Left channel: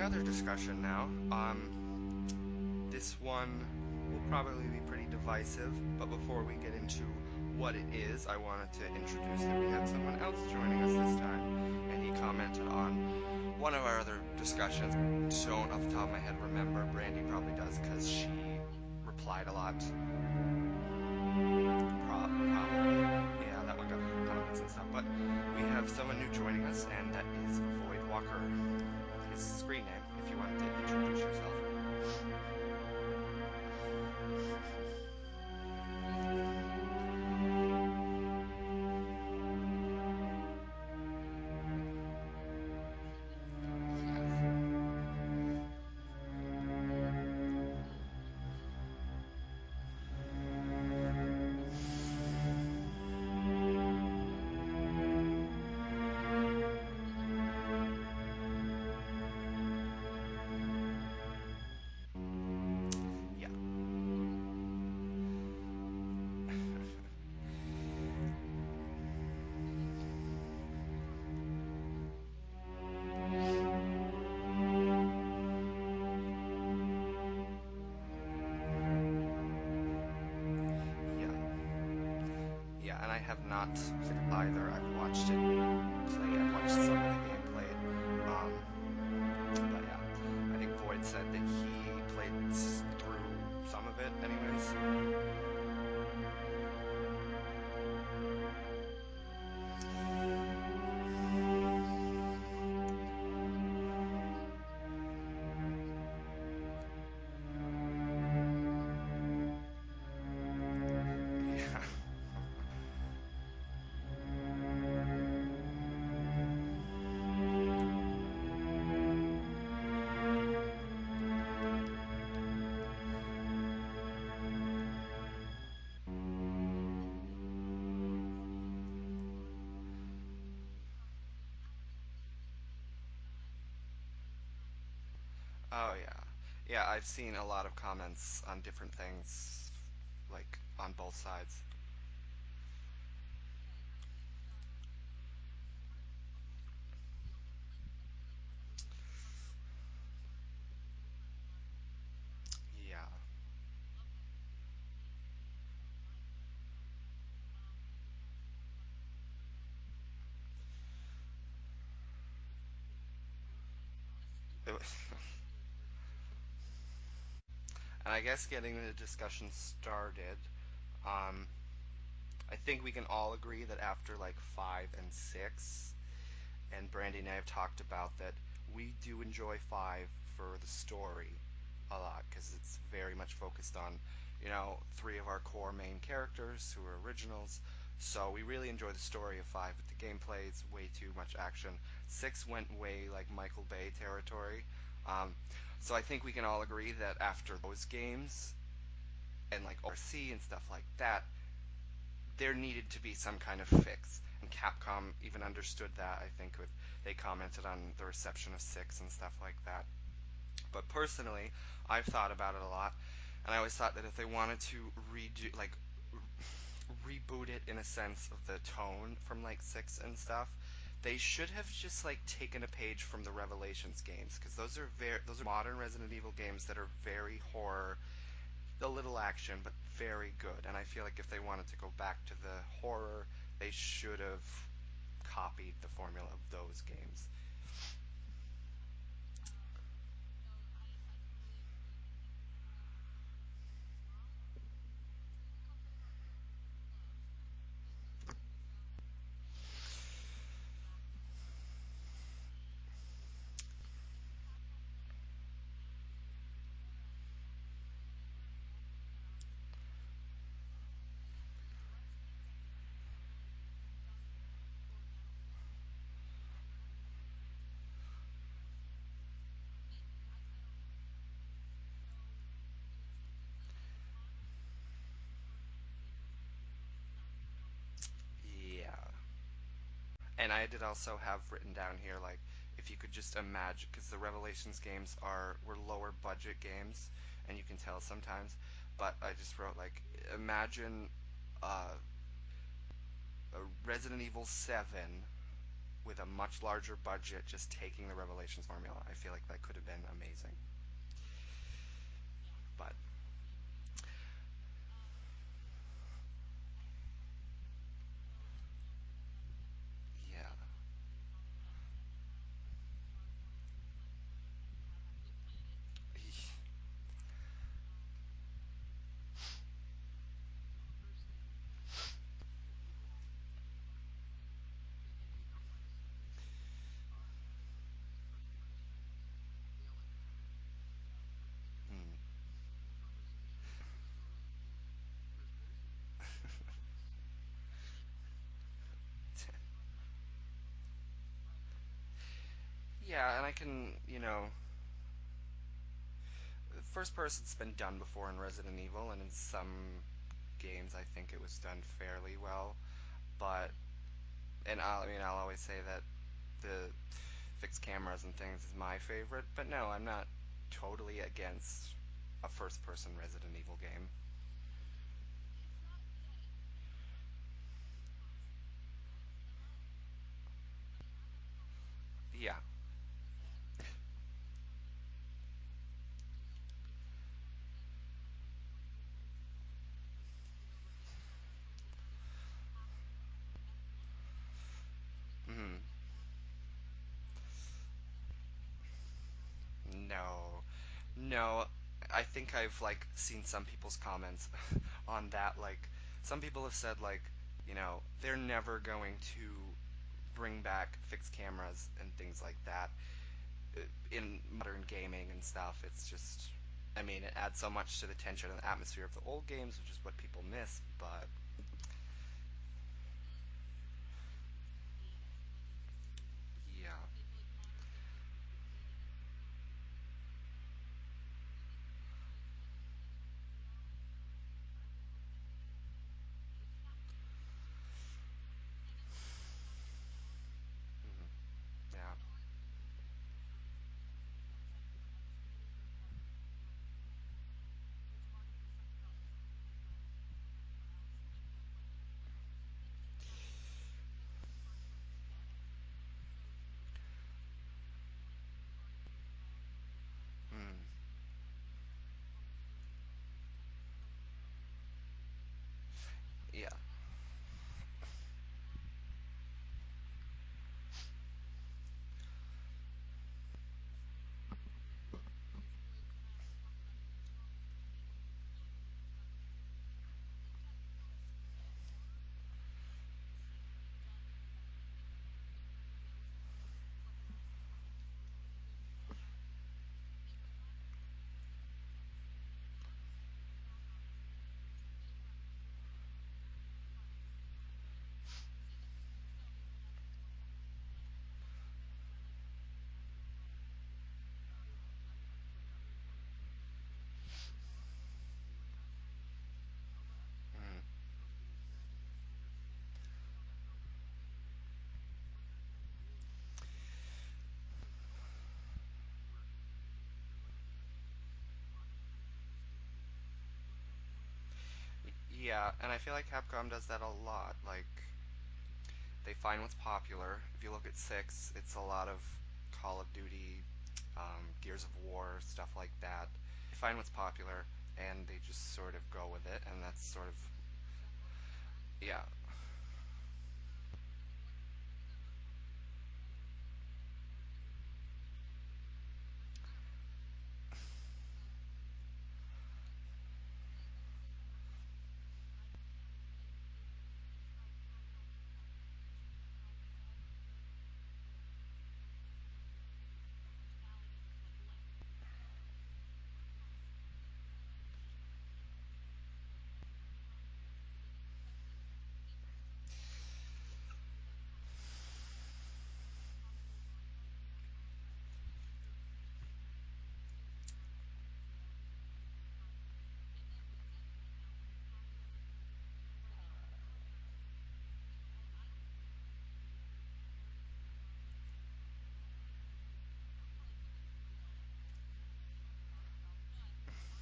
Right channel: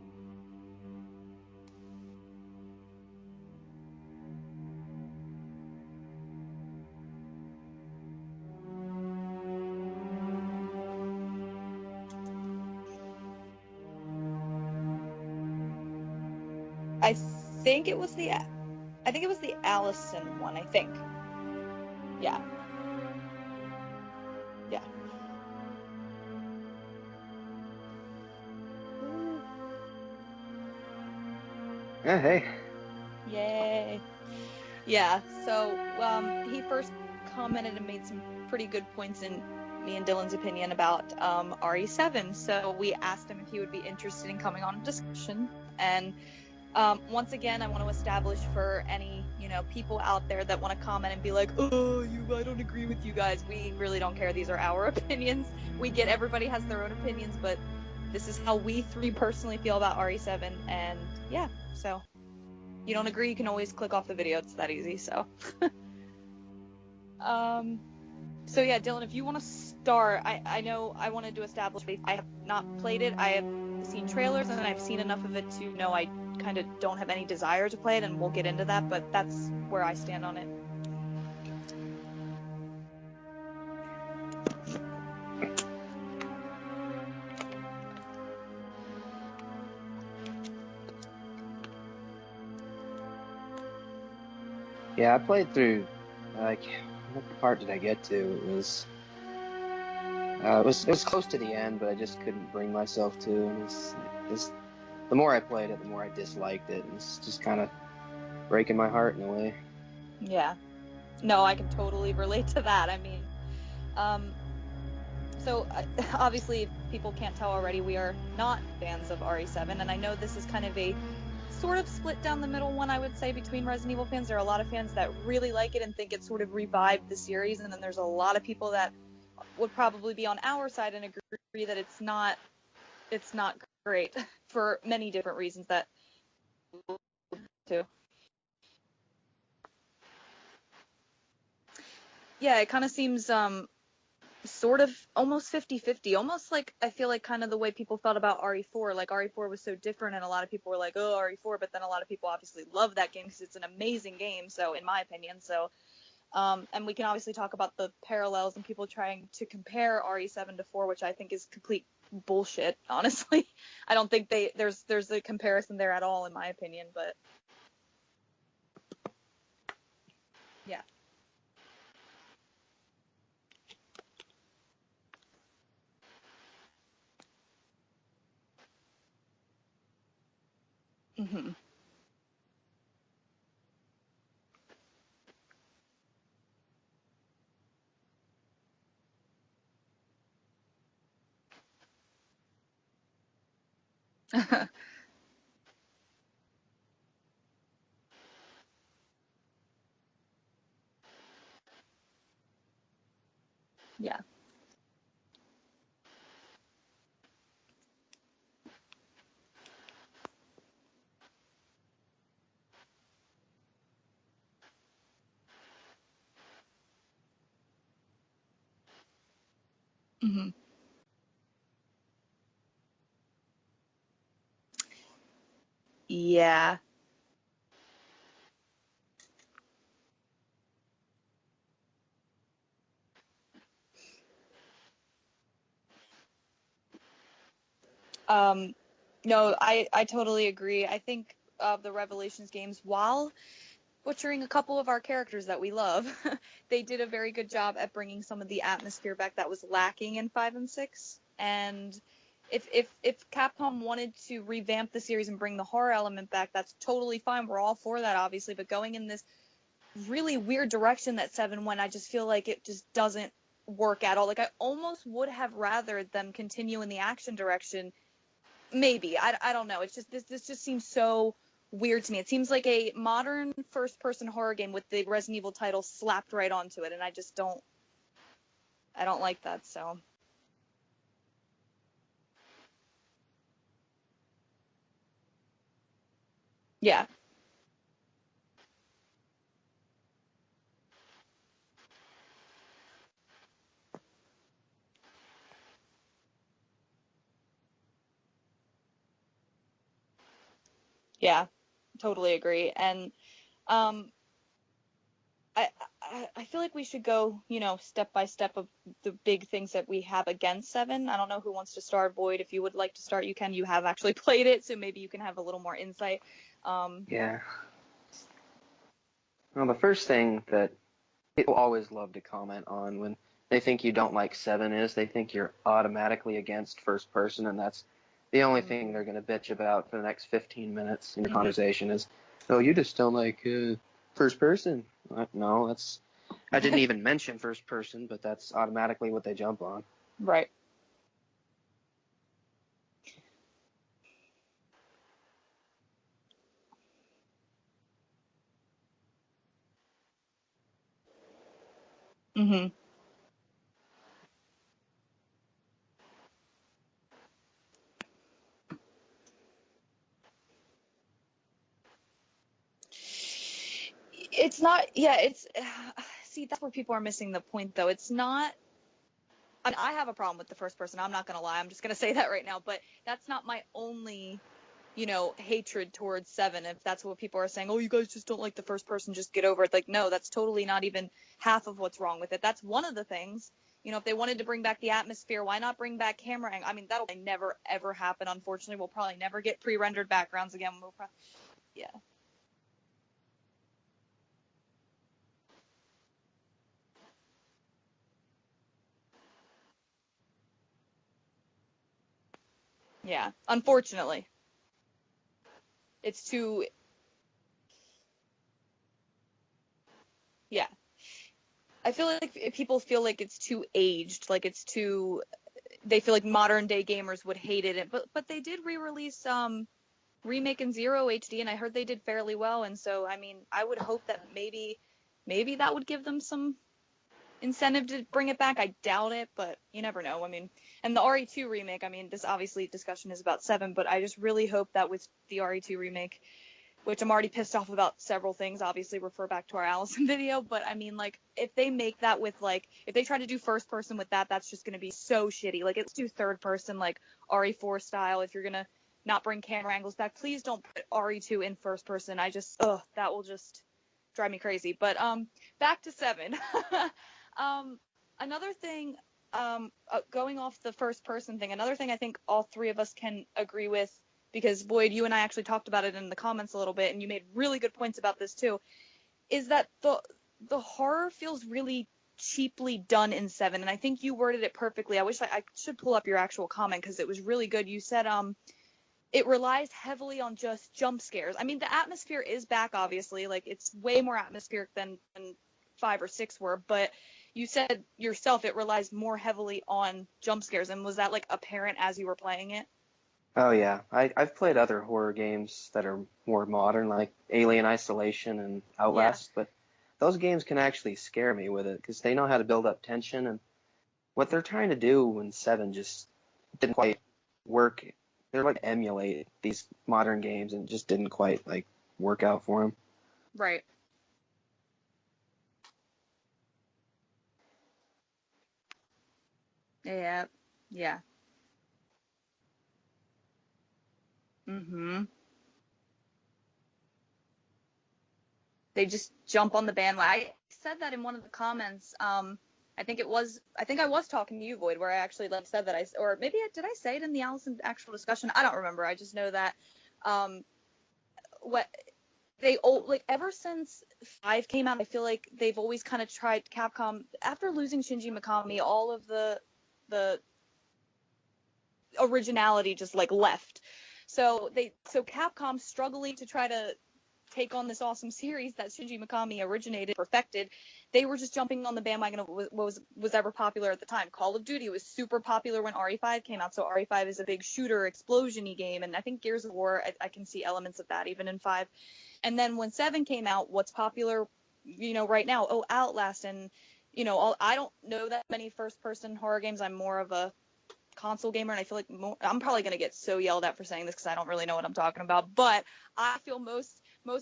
another discussion now. This one will probably be pretty divisive, but before we get into what it is, I wanted to introduce that we had someone else joining us this time, and he commented on one of our other discussions. Don't off the top of my head remember. I Brandi probably does. think it was the Allison one. I think. Probably. Yeah. Yeah, that one got comments and Yeah. stuff. But we have someone new joining us, and that is Voidwalker. His screen name, if you wanted to introduce yourself. Yeah, hey. Yay. Yeah. So he first commented and made some pretty good points in me and Dylan's opinion about RE7. So we asked him if he would be interested in coming on a discussion. And once again, I want to establish for any people out there that want to comment and be like, oh, I don't agree with you guys. We really don't care. These are our opinions. We get everybody has their own opinions, but this is how we three personally feel about RE7. And yeah, so you don't agree, you can always click off the video. It's that easy. So so yeah, Dylan, if you want to start, I know I wanted to establish I have not played it. I have seen trailers and I've seen enough of it to know I kind of don't have any desire to play it, and we'll get into that, but that's where I stand on it. Yeah, and I have not either. I've watched it. So I watched some of the gameplay. But yeah, I think Void said that he played through some of it anyways. Yeah, I played through, what part did I get to? It was close to the end, but I just couldn't bring myself to it. The more I played it, the more I disliked it. It's just kind of breaking my heart in a way. Yeah. No, I can totally relate to that. I mean, so obviously, if people can't tell already, we are not fans of RE7, and I know this is kind of a sort of split down the middle one, I would say, between Resident Evil fans. There are a lot of fans that really like it and think it sort of revived the series, and then there's a lot of people that would probably be on our side and agree that it's not great for many different reasons. Yeah, I've seen a lot of comments on different things, like on both sides. Yeah, it kind of seems sort of almost 50-50, almost like I feel like kind of the way people felt about RE4. Like RE4 was so different, and a lot of people were like, oh, RE4, but then a lot of people obviously love that game because it's an amazing game, so in my opinion. So and we can obviously talk about the parallels and people trying to compare RE7 to 4, which I think is complete bullshit, honestly. I don't think there's a comparison there at all, in my opinion. But and I guess getting the discussion started, I think we can all agree that after like 5 and 6, and Brandi and I have talked about that, we do enjoy 5 for the story a lot, because it's very much focused on 3 of our core main characters who are originals. So we really enjoy the story of 5, but the gameplay is way too much action. 6 went way like Michael Bay territory. So I think we can all agree that after those games, and like RC and stuff like that, there needed to be some kind of fix. Yeah. And Capcom even understood that, I think, they commented on the reception of 6 and stuff like that. But personally, I've thought about it a lot, and I always thought that if they wanted to reboot it in a sense of the tone from like 6 and stuff, they should have just like taken a page from the Revelations games, because those are modern Resident Evil games that are very horror, a little action, but very good. And I feel like if they wanted to go back to the horror, they should have copied the formula of those games. No, I totally agree. I think the Revelations games, while butchering a couple of our characters that we love, they did a very good job at bringing some of the atmosphere back that was lacking in 5 and 6. And if Capcom wanted to revamp the series and bring the horror element back, that's totally fine. We're all for that, obviously. But going in this really weird direction that 7 went, I just feel like it just doesn't work at all. Like, I almost would have rathered them continue in the action direction. Maybe. I don't know. It's just this just seems so weird to me. It seems like a modern first-person horror game with the Resident Evil title slapped right onto it, and I just don't... Yeah. I don't like that, so... And I did also have written down here, like, if you could just imagine, because the Revelations games were lower budget games, and you can tell sometimes, but I just wrote, like, imagine a Resident Evil 7 with a much larger budget, just taking the Revelations formula. I feel like that could have been amazing. Yeah, totally agree. And um, I feel like we should go, step by step of the big things that we have against Seven. I don't know who wants to start. Void, if you would like to start, you can. You have actually played it, so maybe you can have a little more insight. Yeah. Well, the first thing that people always love to comment on when they think you don't like Seven is they think you're automatically against first person, and that's the only thing they're going to bitch about for the next 15 minutes in your conversation is, oh, you just don't like first person. No, I didn't even mention first person, but that's automatically what they jump on. Right. Yeah, and I can, first person's been done before in Resident Evil, and in some games I think it was done fairly well. But, I'll always say that the fixed cameras and things is my favorite, but no, I'm not totally against a first person Resident Evil game. It's not, yeah, see, that's where people are missing the point, though. It's not, I have a problem with the first person. I'm not going to lie. I'm just going to say that right now. But that's not my only, hatred towards Seven. If that's what people are saying, oh, you guys just don't like the first person, just get over it. Like, no, that's totally not even half of what's wrong with it. That's one of the things. If they wanted to bring back the atmosphere, why not bring back camera angle? I mean, that'll never, ever happen, unfortunately. We'll probably never get pre-rendered backgrounds again. Yeah. I think I've, seen some people's comments on that. Some people have said, they're never going to bring back fixed cameras and things like that. Yeah, unfortunately. In modern gaming and stuff, it's too... it adds so much to the tension and the atmosphere of the old games, which is what people miss. Yeah. But I feel like if people feel like it's too aged, like it's too... They feel like modern day gamers would hate it. But they did re-release Remake in Zero HD, and I heard they did fairly well. And so, I would hope that maybe that would give them some incentive to bring it back. I doubt it, but you never know. And the RE2 remake, this obviously discussion is about 7, but I just really hope that with the RE2 remake, which I'm already pissed off about several things, obviously refer back to our Allison video, but if they make that with if they try to do first person with that, that's just going to be so shitty. Let's do third person, RE4 style. If you're going to not bring camera angles back, please don't put RE2 in first person. That will just drive me crazy. But back to 7. Another thing, going off the first person thing, another thing I think all three of us can agree with, because Boyd, you and I actually talked about it in the comments a little bit, and you made really good points about this too, is that the horror feels really cheaply done in 7, and I think you worded it perfectly. I wish I should pull up your actual comment because it was really good. You said it relies heavily on just jump scares. The atmosphere is back, obviously. It's way more atmospheric than 5 or 6 were, but you said yourself it relies more heavily on jump scares. And was that apparent as you were playing it? Oh yeah, I've played other horror games that are more modern, like Alien Isolation and Outlast, but those games can actually scare me with it because they know how to build up tension, and what they're trying to do in 7 just didn't quite work. They're to emulate these modern games, and it just didn't quite work out for them. Right. Yeah, and I feel like Capcom does that a lot. They find what's popular. Yeah. If you look at 6, it's a lot of Call of Duty, Gears of War, stuff like that. They find what's popular, and they just go jump with on the bandwagon. I said that in one of the comments. I think I was talking to you, Void, where I actually said that or maybe did I say it in the Allison actual discussion? I don't remember. I just know that what they ever since 5 came out, I feel like they've always kind of tried. Capcom, after losing Shinji Mikami, all of the originality just left. So Capcom struggling to try to take on this awesome series that Shinji Mikami originated, perfected. They were just jumping on the bandwagon of what was ever popular at the time. Call of Duty was super popular when RE5 came out, so RE5 is a big shooter, explosion-y game, and I think Gears of War, I can see elements of that even in 5. And then when 7 came out, what's popular, right now? Oh, Outlast, and, I don't know that many first-person horror games. I'm more of a console gamer, and I feel like I'm probably going to get so yelled at for saying this because I don't really know what I'm talking about, but I feel most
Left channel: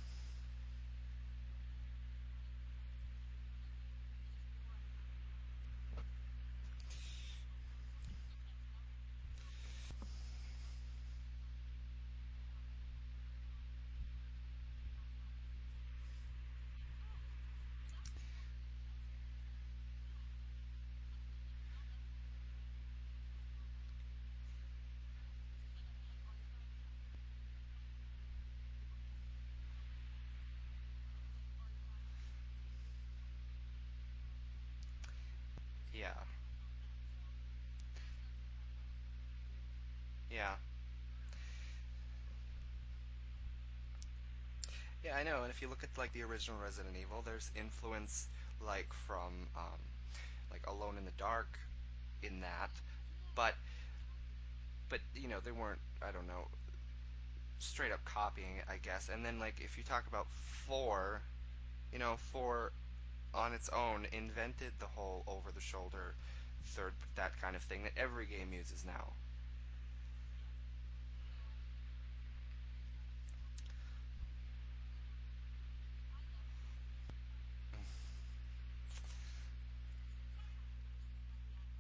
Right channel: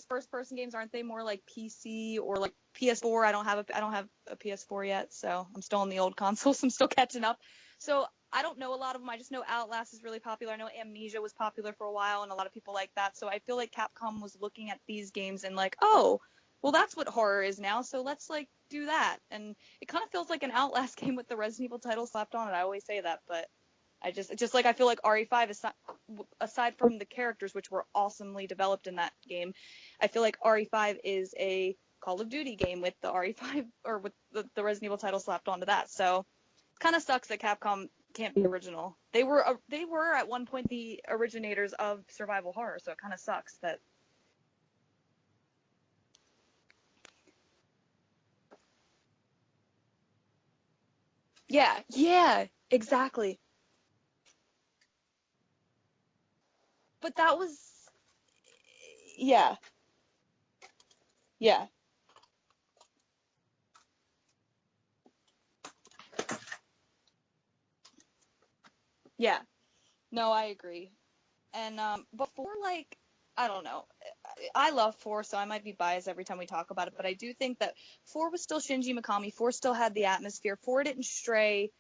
first-person games, aren't they more like PC or PS4? I don't have a PS4 yet, so I'm still on the old consoles. I'm still catching up. So I don't know a lot of them. I just know Outlast is really popular. I know Amnesia was popular for a while, and a lot of people like that. So I feel like Capcom was looking at these games and like, oh, well, that's what horror is now. So let's like do that. And it kind of feels like an Outlast game with the Resident Evil title slapped on it. I always say that, but just like I feel like RE5 is, aside from the characters which were awesomely developed in that game, I feel like RE5 is a Call of Duty game with the RE5 or with the Resident Evil title slapped onto that. So it kind of sucks that Capcom can't be original. They were at one point the originators of survival horror, so it kind of sucks that. Yeah, I know. And if you look at like the original Resident Evil, there's influence like from like Alone in the Dark. Yeah, that. exactly. But you know, they weren't, I don't know, but that was straight up copying it, I guess. And then like, if you talk about 4, you know, 4 on its own invented the whole over the shoulder third, that kind of thing that every game uses now. Yeah. No, I agree. And but 4, like, I don't know. I love 4, so I might be biased every time we talk about it, but I do think that 4 was still Shinji Mikami. 4 still had the atmosphere. 4 didn't stray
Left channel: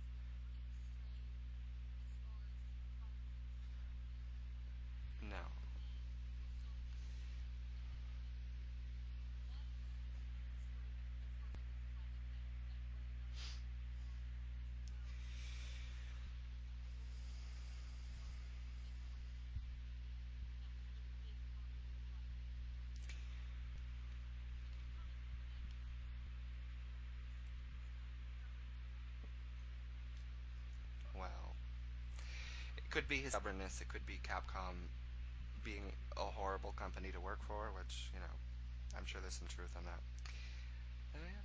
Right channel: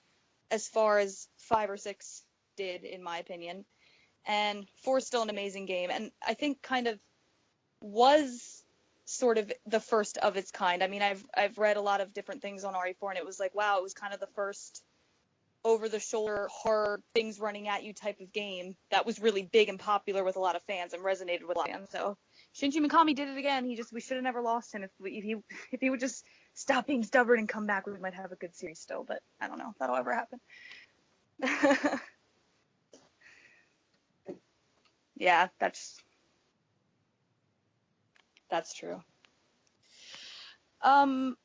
as far as 5 or 6 did, in my opinion. And 4 is still an amazing game, and I think kind of was sort of the first of its kind. I mean, I've read a lot of different things on RE4, and it was like, wow, it was kind of the first over-the-shoulder horror things running at you type of game that was really big and popular with a lot of fans and resonated with a lot of fans. So Shinji Mikami did it again. We should have never lost him. If he would just stop being stubborn and come back, we might have a good series still. But I don't know if that'll ever happen. Wow. It could be his stubbornness. It could be Capcom. Yeah, that's being a horrible company to work for, which, you know. That's true. I'm sure there's some truth on that.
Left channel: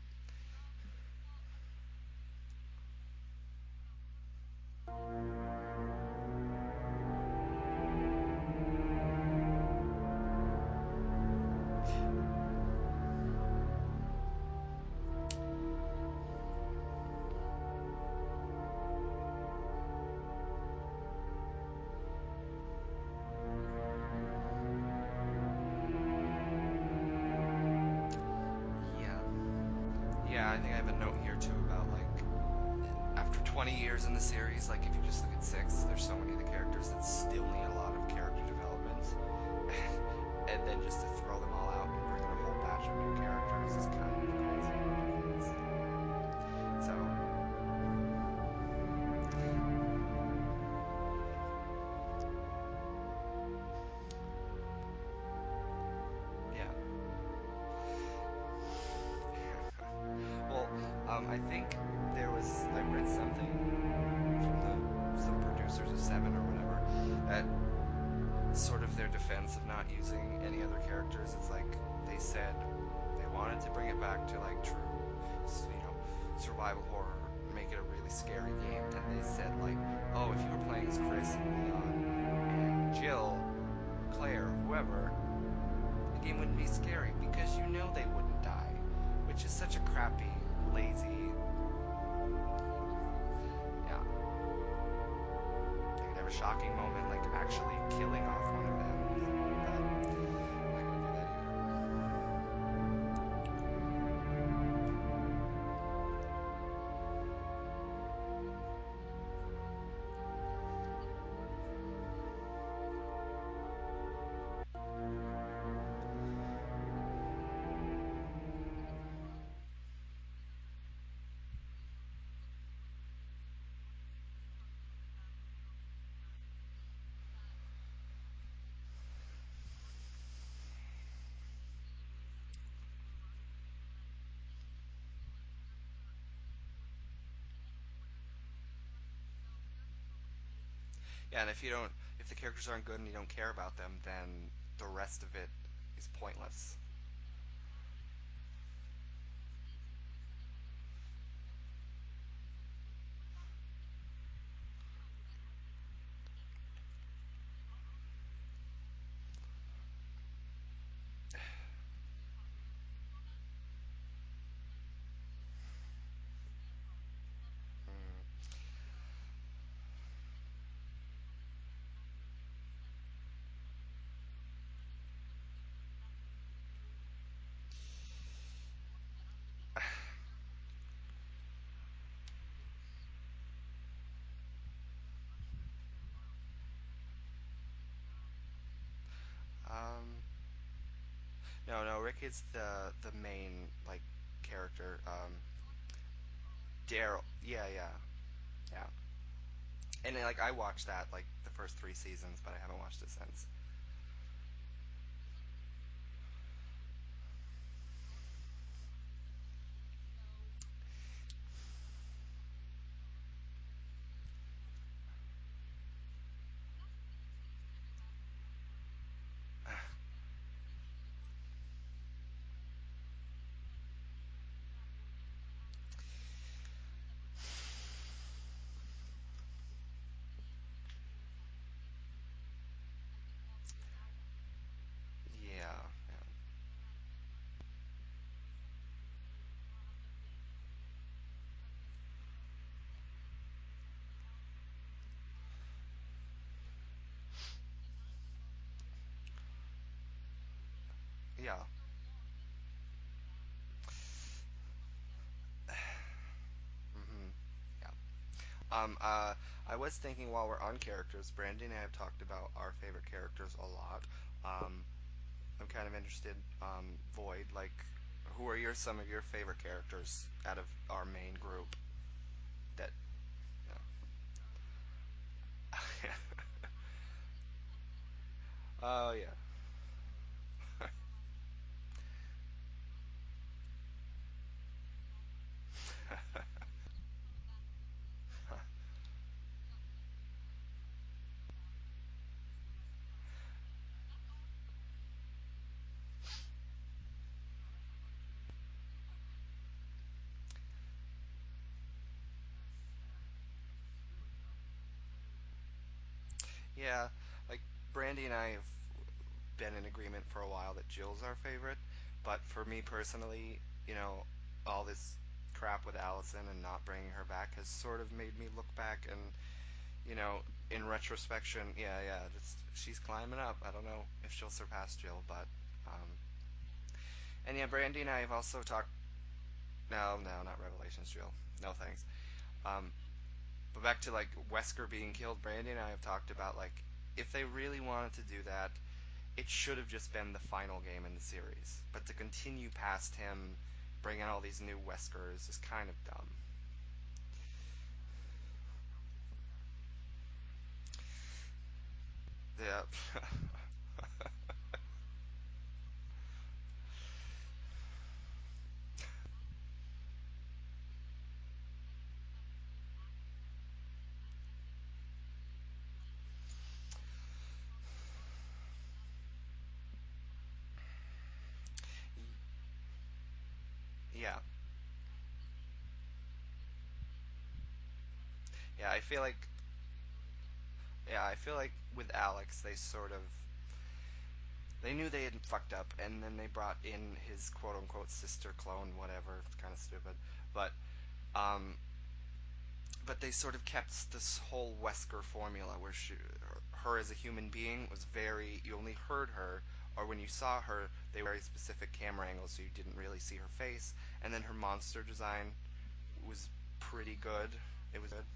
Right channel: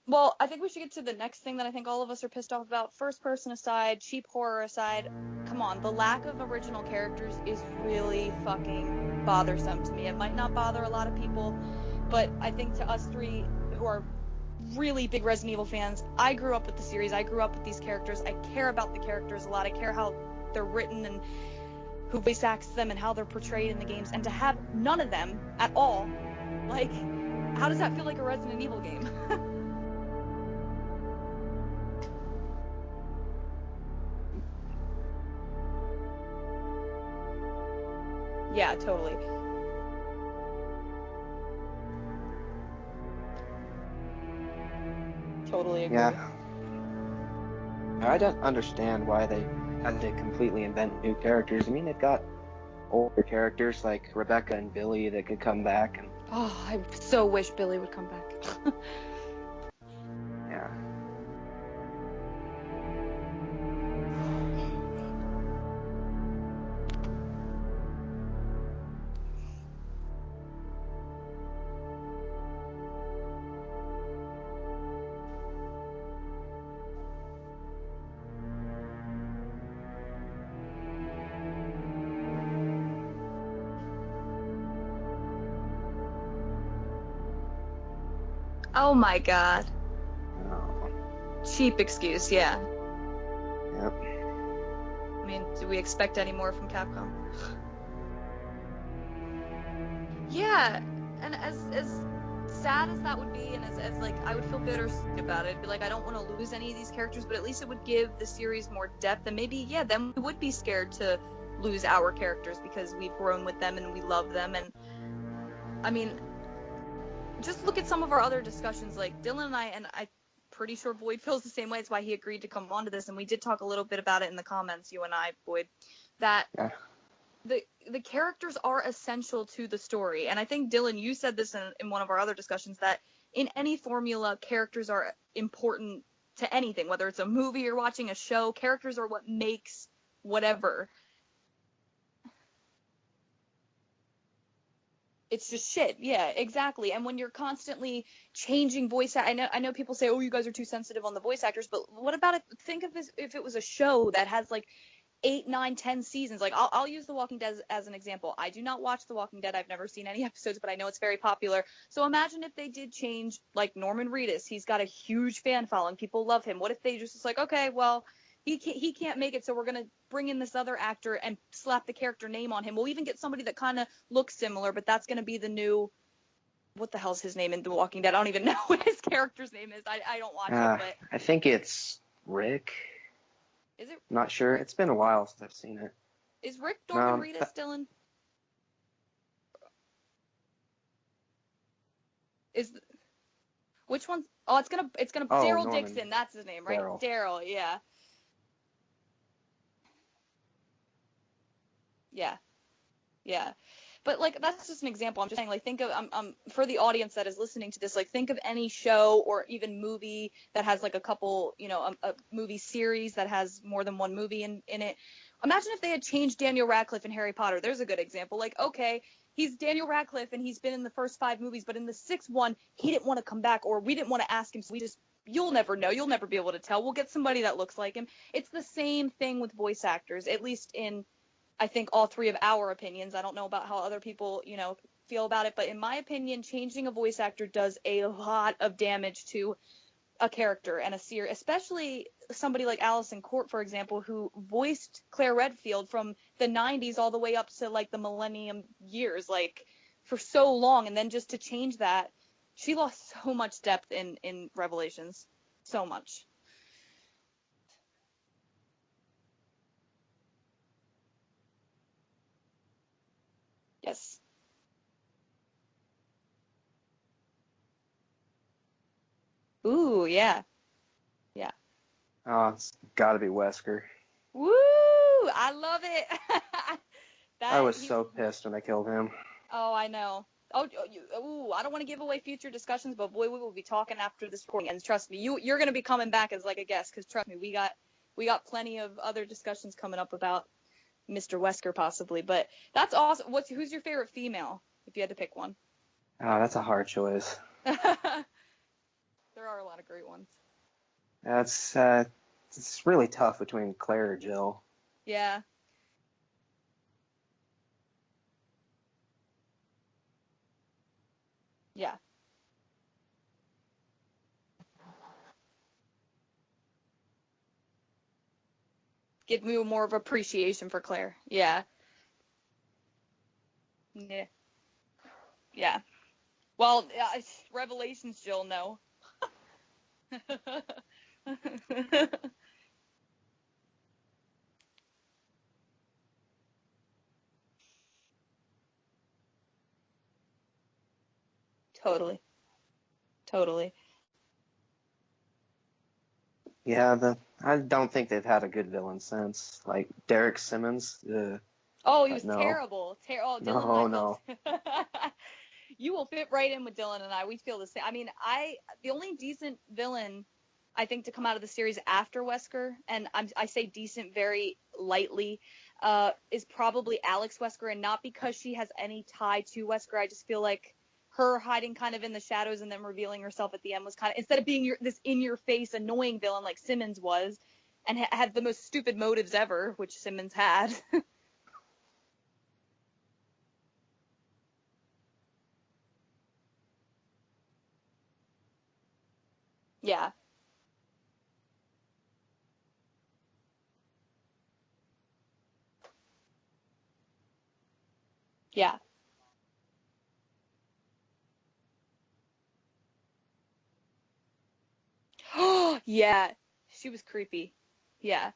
Well, I think we should get to the next thing that I think all of us are pissed off about. First person aside, cheap horror aside, come on, the lack of original characters is really fucking bothersome to me. It might not bother a lot of people, but I think to us three who are really big Resident Evil fans, I grew up with the series, I grew up with these characters, I care about the characters a lot, I care how they're written and who voice acts them and how they're portrayed in the games, and to have none of them at all, like, how does that feel like a Resident Evil game? Yeah, I think I have a note here too about like after 20 years in the series, like if you just look at 6, there's so many of the characters that still need a lot of characters. Yeah, totally. And then just to throw them all out and bring in a whole batch of new characters is kind of crazy. Totally agree. Yeah. So I don't understand why they had to completely invent new characters. I mean, they've got older characters like Rebecca and Billy that could come back. Oh, I so wish Billy would come back. Yeah. I think there was, I read something, some producers of 7 or whatever, at sort of their defense of not using any other characters. It's like they said they wanted to bring it back to like true, you know, survival horror, make it a really scary game. And they said like, oh, if you were playing as Chris, Jill, Claire, whoever, the game wouldn't be scary because you know they wouldn't die. Oh my god. Such a crappy, lazy, cheap excuse, yeah. Yep. I mean, do we expect any more from Capcom? About, like, actually killing off one of them. Yeah, and as sad as that would be, and as like I would feel bittersweet about it, be like I don't want to lose any of these characters, but at least it would give the series more depth, and maybe then we would be scared to lose our characters because we've grown with them and we love them. And I mean, just look at some of our other discussions, like Dylan and I'm pretty sure Boyd feels the same way. It's why he agreed to come on to this, and we did talk a little bit about it in the comments, you and I, Boyd, that the characters are essential to the story. And I think, Dylan, you said this in one of our other discussions, that in any formula, characters are important to anything, whether it's a movie you're watching, a show. Characters are what makes whatever. Yeah, and if the characters aren't good and you don't care about them, then the rest of it's just shit. Yeah, exactly. And when you're constantly changing voice I know people say, oh, you guys are too sensitive on the voice actors, but what about it? Think of this, if it was a show that has like 8, 9, 10 seasons. Like I'll use The Walking Dead as an example. I do not watch The Walking Dead. I've never seen any episodes, but I know it's very popular. So imagine if they did change, like Norman Reedus. He's got a huge fan following. People love him. What if they just was like, okay, well, he can't make it, so we're gonna bring in this other actor and slap the character name on him. We'll even get somebody that kind of looks similar, but that's gonna be the new. What the hell's his name in The Walking Dead? I don't even know what his character's name is. I don't watch it, but I think it's Rick. Is it? I'm not sure. It's been a while since I've seen it. Is Rick Norman Um, Reedus, Dylan? Um, no, Rick is Is the main like which one? Oh, character. Oh, Daryl Norman. Dixon. That's his name, right? Daryl. Daryl. Yeah, Yeah. yeah. And like I watched that like the first 3 seasons, Yeah. but I haven't watched it since. Yeah. But like that's just an example. I'm just saying, like, think of for the audience that is listening to this, like, think of any show or even movie that has like a couple, a movie series that has more than one movie in it. Imagine if they had changed Daniel Radcliffe in Harry Potter. There's a good example. Like, okay, he's Daniel Radcliffe and he's been in the first 5 movies, but in the sixth one he didn't want to come back, or we didn't want to ask him, so you'll never know. You'll never be able to tell. We'll get somebody that looks like him. It's the same thing with voice actors, at least in I think all three of our opinions. I don't know about how other people, feel about it, but in my opinion, changing a voice actor does a lot of damage to a character and a series, especially somebody like Allison Court, for example, who voiced Claire Redfield from the 90s all the way up to like the millennium years, like for so long, and then just to change that, she lost so much depth in Revelations, so much. Mm-hmm. Yeah. I was thinking while we're on characters, Brandi and I have talked about our favorite characters a lot. Yes. I'm kind of interested, Void, like, who are some of your favorite characters Ooh, yeah. out of our main Yeah. group? It's got to be Wesker. Woo! I love it. I was so pissed when I killed him. Oh, yeah. Oh, I know. I don't want to give away future discussions, but boy, we will be talking after this recording. And trust me, you're going to be coming back as like a guest, because trust me, we got plenty of other discussions coming up about Mr. Wesker possibly. But that's awesome. Who's your favorite female, if you had to pick one? Oh, that's a hard choice. There are a lot of great ones. That's it's really tough between Claire or Jill. Yeah. Yeah, like Brandi and I have been in agreement for a while that Jill's our favorite. Yeah. But for me personally, all this crap with Allison and not bringing her back has sort of made me look back and Give me more of appreciation for in Claire. Retrospection, yeah. She's climbing up. I don't know if she'll surpass Jill, but yeah. Well, and Revelations Brandi and I have Jill, also no. talked. No, Revelations Jill. No, thank you. But back to like Wesker being killed, Brandi and I have talked about like if they really wanted to do that, it should have just been the final game in the series. Totally. To continue past him. Totally. Bringing all these new Weskers is kind of dumb. Yeah, I don't think they've had a good villain since. Like Derek Simmons. Oh, he was terrible. Yeah. Oh, Dylan no. You will fit right in with Dylan and I. We feel the same. I mean, the only decent villain I think to come out of the series after Wesker, and I say decent very lightly, is probably Alex Wesker, and not because she has any tie to Wesker. I just feel like her hiding kind of in the shadows and then revealing herself at the end was kind of, instead of being this in-your-face annoying villain like Simmons was, and had the most stupid motives ever, which Simmons had. Yeah, I feel like with Alex, they knew they had fucked up, and then they brought in his quote-unquote sister clone, whatever, kind of stupid. Yeah. But they sort of kept this whole Wesker formula where her as a human being was very, you only heard her, or when you saw her, they were very specific camera angles, so you didn't really see her face, and then her monster design she was creepy. Good. Yeah.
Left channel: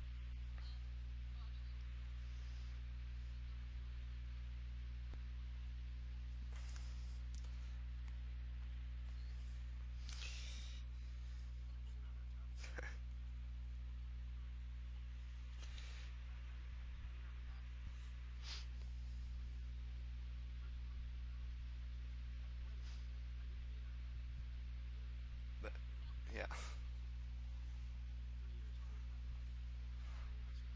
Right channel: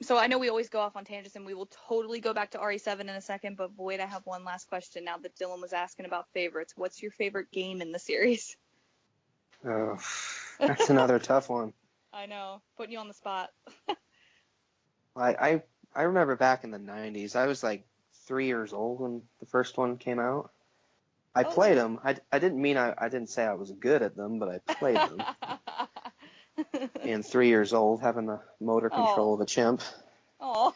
So I know we always go off on tangents, and we will totally go back to RE7 in a second, but Void, I have one last question now that Dylan was asking about favorites. What's your favorite game in the series? Oh, that's another tough one. I know, putting you on the spot. I remember back in the 90s, I was like 3 years old when the first one came out. I played them. I didn't mean I didn't say I was good at them, but I played them. Yeah. And 3 years old, having the motor control of a chimp. Oh.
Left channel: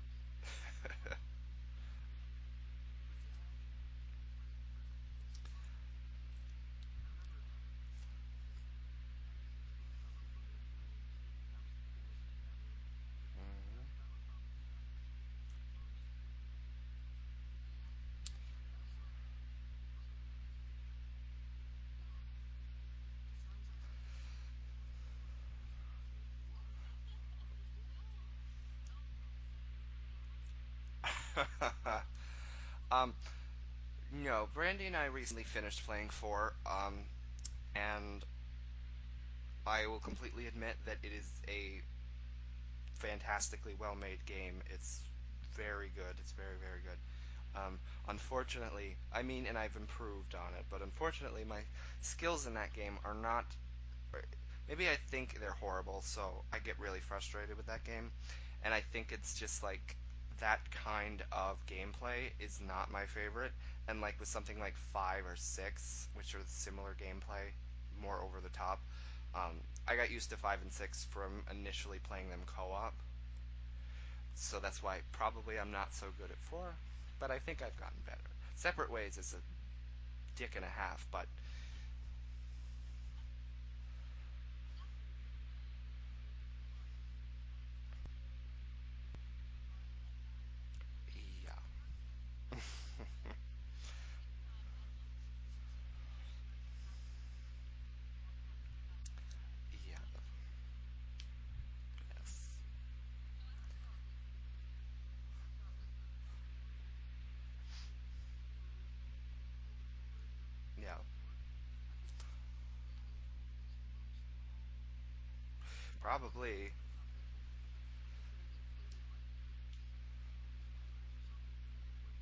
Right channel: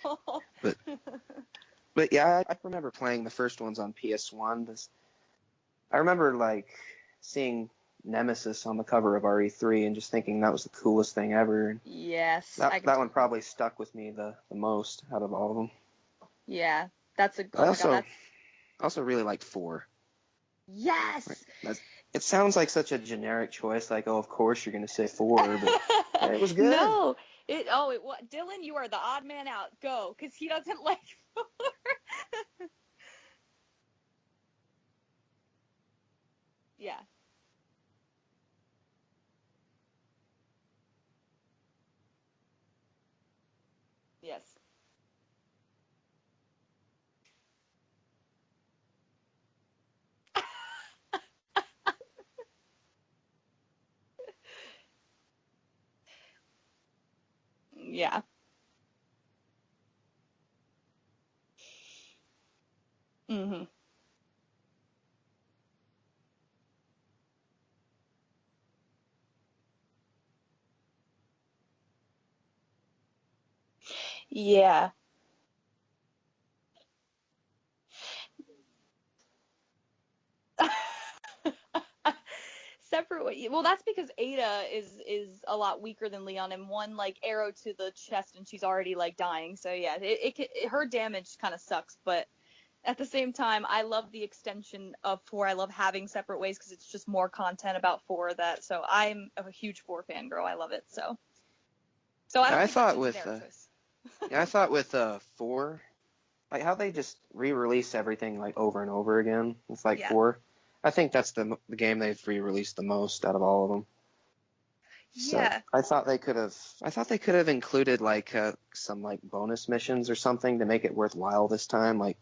But yeah, I remember playing the first ones on PS1. I remember like seeing Nemesis on the cover of RE3 and just thinking that was the coolest thing ever. Yes. That one probably stuck with me the most out of all of them. Yeah, that's a good. I also really liked 4. Yes. It sounds like such a generic choice, like, oh, of course you're going to say 4, but it was good. No. Dylan, you are the odd man out. Go, because he doesn't like. No, Brandi and I recently finished playing 4. And I will completely admit that it is a fantastically well-made Yes. game. It's very good. It's very, very good. Unfortunately, I mean, and I've improved on it, but unfortunately, my skills in that game are not. Or maybe I think they're horrible, so I get really frustrated with that game. Yeah. And I think it's just like that kind of gameplay is not my favorite. Mhm. And like with something like 5 or 6, which are similar gameplay, more over the top, I got used to 5 and 6 from initially playing them co-op. So that's Yeah. why probably I'm not so good at 4, but I think I've gotten better. Separate Ways is a dick and a half, but Separate way. Well, that's because Ada is a lot weaker than Leon, and one like arrow to the chest, and she's already like dying. So yeah, her damage kind of sucks, but at the same time, I love the extension of 4. I love having Separate Ways because it's just more content about 4 that. So I'm a huge 4 fangirl. I love it. So I don't I think that's thought just with their choice. yeah, I thought with 4, like how they just re-release everything like over and over again. It's like Yeah. 4. I yeah, think that's the game they've re-released the most out of all of them. So Yeah. probably. I thought they could have included like some like bonus missions or something to make it worthwhile this time. Like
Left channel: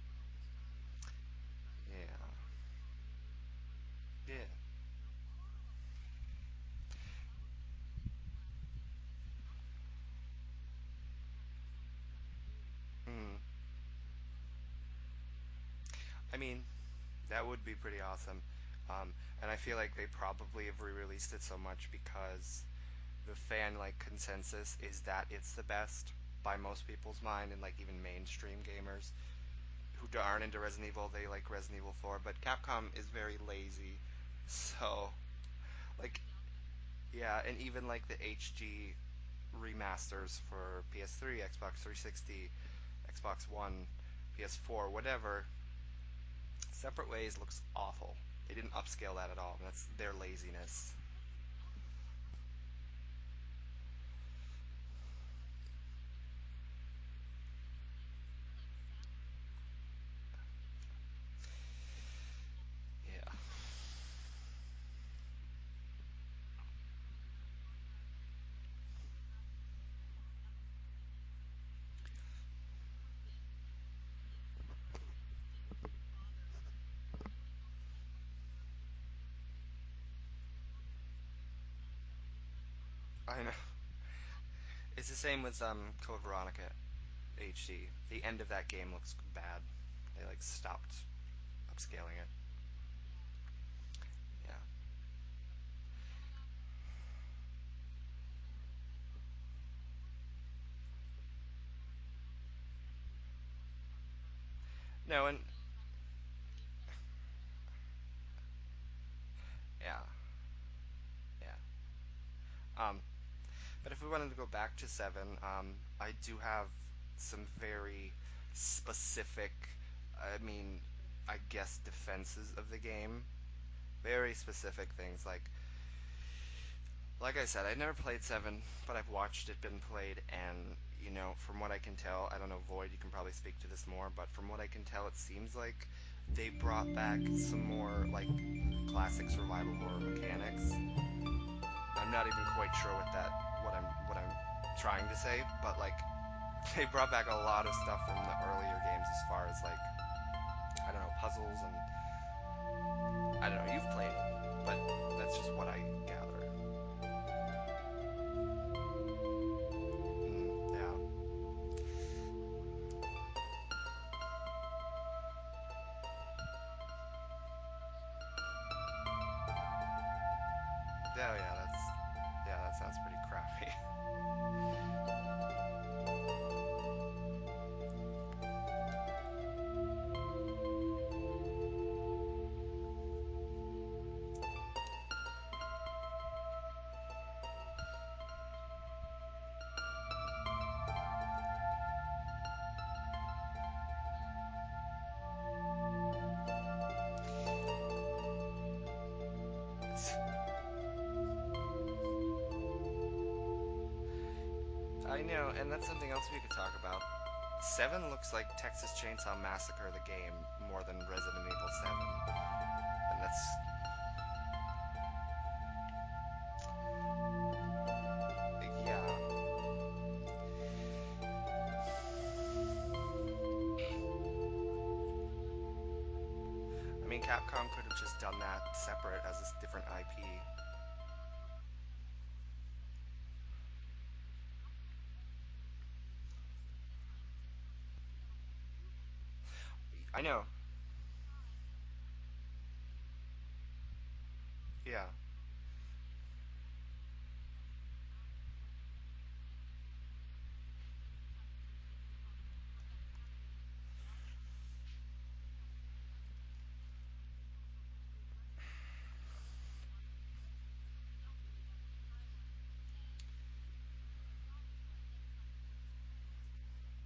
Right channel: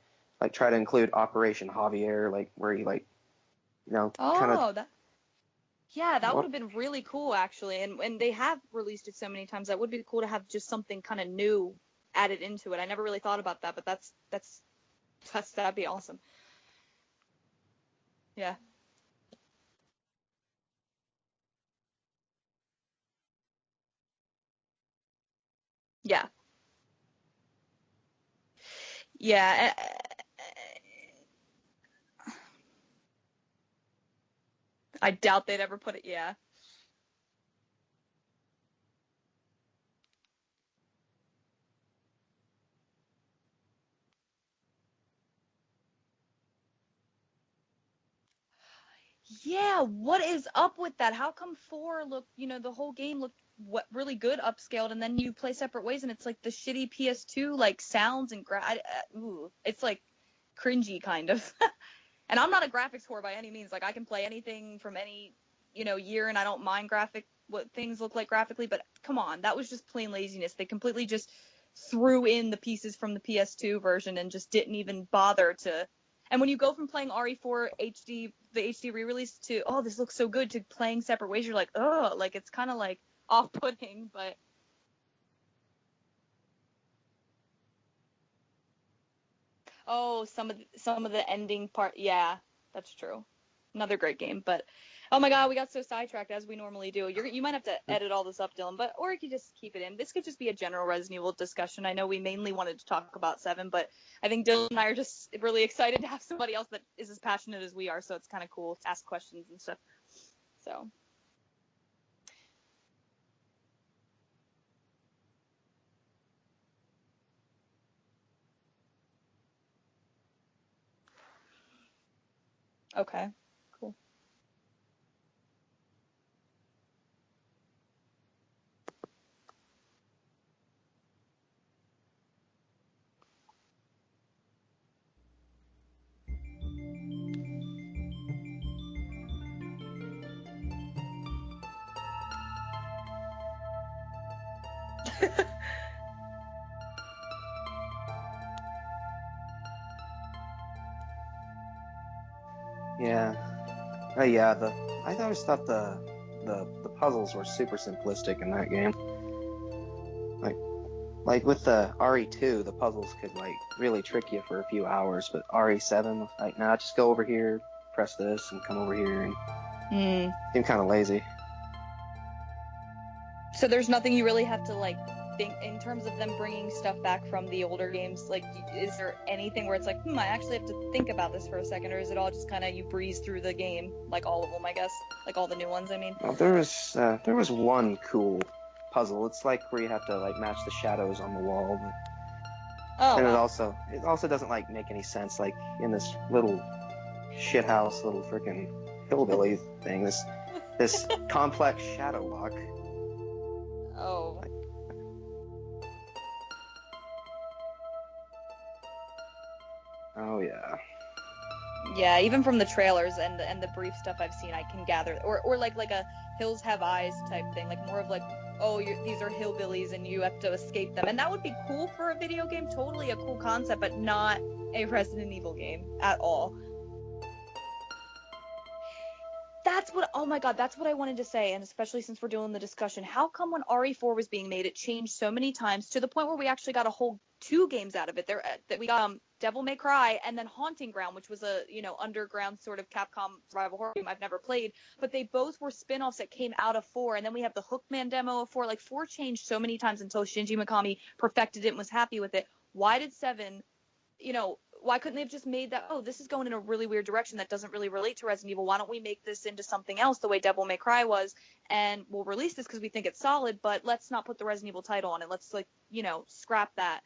try to include Operation Javier, like where you like kind of Oh, that would what have been really cool actually. And they have released it so many times. That would be cool to have just something kind of new added into it. I never really thought Mm, about that, but that'd be awesome. I mean, that would be pretty awesome. Yeah. Um, and I feel like they probably have re-released it so much because the fan like consensus is that it's the best Yeah. by most people's mind, and like even mainstream gamers Yeah. who aren't into Resident Evil, they like Resident Evil 4. But Capcom is very lazy, I so doubt they'd ever put it. like Yeah. yeah, and even like the HD remasters for PS3, Xbox 360, Xbox One, PS4, whatever. Separate Ways looks awful. They didn't upscale that at all. Yeah, It's their what is up laziness. with that? How come 4 looked, the whole game looked really good upscaled, and then you play Separate Ways, and it's like the shitty PS2 like sounds and it's like cringy kind of. And I'm not a graphics whore Yeah. by any means. Like I can play anything from any, year, and I don't mind what things look like graphically. But come on, that was just plain laziness. They completely just threw in the pieces from the PS2 version and just didn't even bother to. And when you go from playing RE4 HD, the HD re-release to this looks so good to playing Separate Ways, you're like like it's kind of like off-putting. But It's the same with Code Veronica HD. The end of that game looks bad. They like stopped some of the ending part, upscaling it. yeah, that's true. Another great game, but oh my god, we got so sidetracked as we normally do. You might have to edit all this up, Dylan, or you could just keep it in. This could just be a general Resident Evil discussion. I know we mainly wanted to talk about 7, but I think Dylan and I are just No, and really excited to have somebody else that is as passionate as we are, so it's kind of cool to ask questions and stuff. yeah, So yeah. Um, but if we wanted to go back to 7, I do have some very specific, I mean, I guess defenses of the game. okay, cool. Very specific things like I said, I never played 7, but I've watched it been played, and from what I can tell, I don't know, Void, you can probably speak to this more, but from what I can tell, it seems like they brought back some more like classic survival horror mechanics. I'm not even quite sure what I'm trying to say, but like they brought back a lot of stuff from the earlier games as far as like I don't know, puzzles and yeah. I don't know, you've played it, Yeah, but I always just thought what I gather. the puzzles were super simplistic in that game. Like Yeah. like with the RE2, the puzzles could like really trick you for a few hours, but RE7, like nah, just go over here, press this, and come over here, and seemed kind of lazy. Yeah, that sounds pretty crafty. So there's nothing you really have to like think in terms of them bringing stuff back from the older games. Like, is there anything where it's like, I actually have to think about this for a second, or is it all just kind of you breeze through the game, like all of them, I guess, like all the new ones? I mean. Well, there was one cool puzzle. It's like where you have to like match the shadows on the wall, Oh. and Wow. it also doesn't like make any sense. Like in this little shithouse, little freaking hillbilly thing, this complex shadow lock. Oh. I know, and that's something else we could talk about. 7 looks like Texas Chainsaw Massacre the game Oh, yeah. more than Resident Evil Yeah, even from the trailers and the brief stuff I've seen, I can gather, or like a Hills Have Eyes type thing, like more of like, oh, these are hillbillies and you have to escape them, and that would be cool for a video game, totally a cool concept, but not a Resident Evil game at all. I mean, Capcom could have just done that separate as a That's what, oh my god, that's what I wanted to say, and especially since we're doing the discussion, how come when RE4 was being made, it changed so many times to the point where we actually got a whole 2 games out of it. That we got Devil May Cry and then Haunting Ground, which was a underground sort of Capcom survival horror game I've never played, but they both were spin-offs that came out of 4, and then we have the Hookman demo of 4. Like 4 changed so many times until Shinji Mikami perfected it and was happy with it. Why did 7, why couldn't they have just made that, oh, this is going in a really weird direction that doesn't really relate to Resident Evil, why don't we make this into something else the way Devil May Cry was, and we'll release this because we think it's solid, but let's not put the Resident Evil title on it, let's scrap that.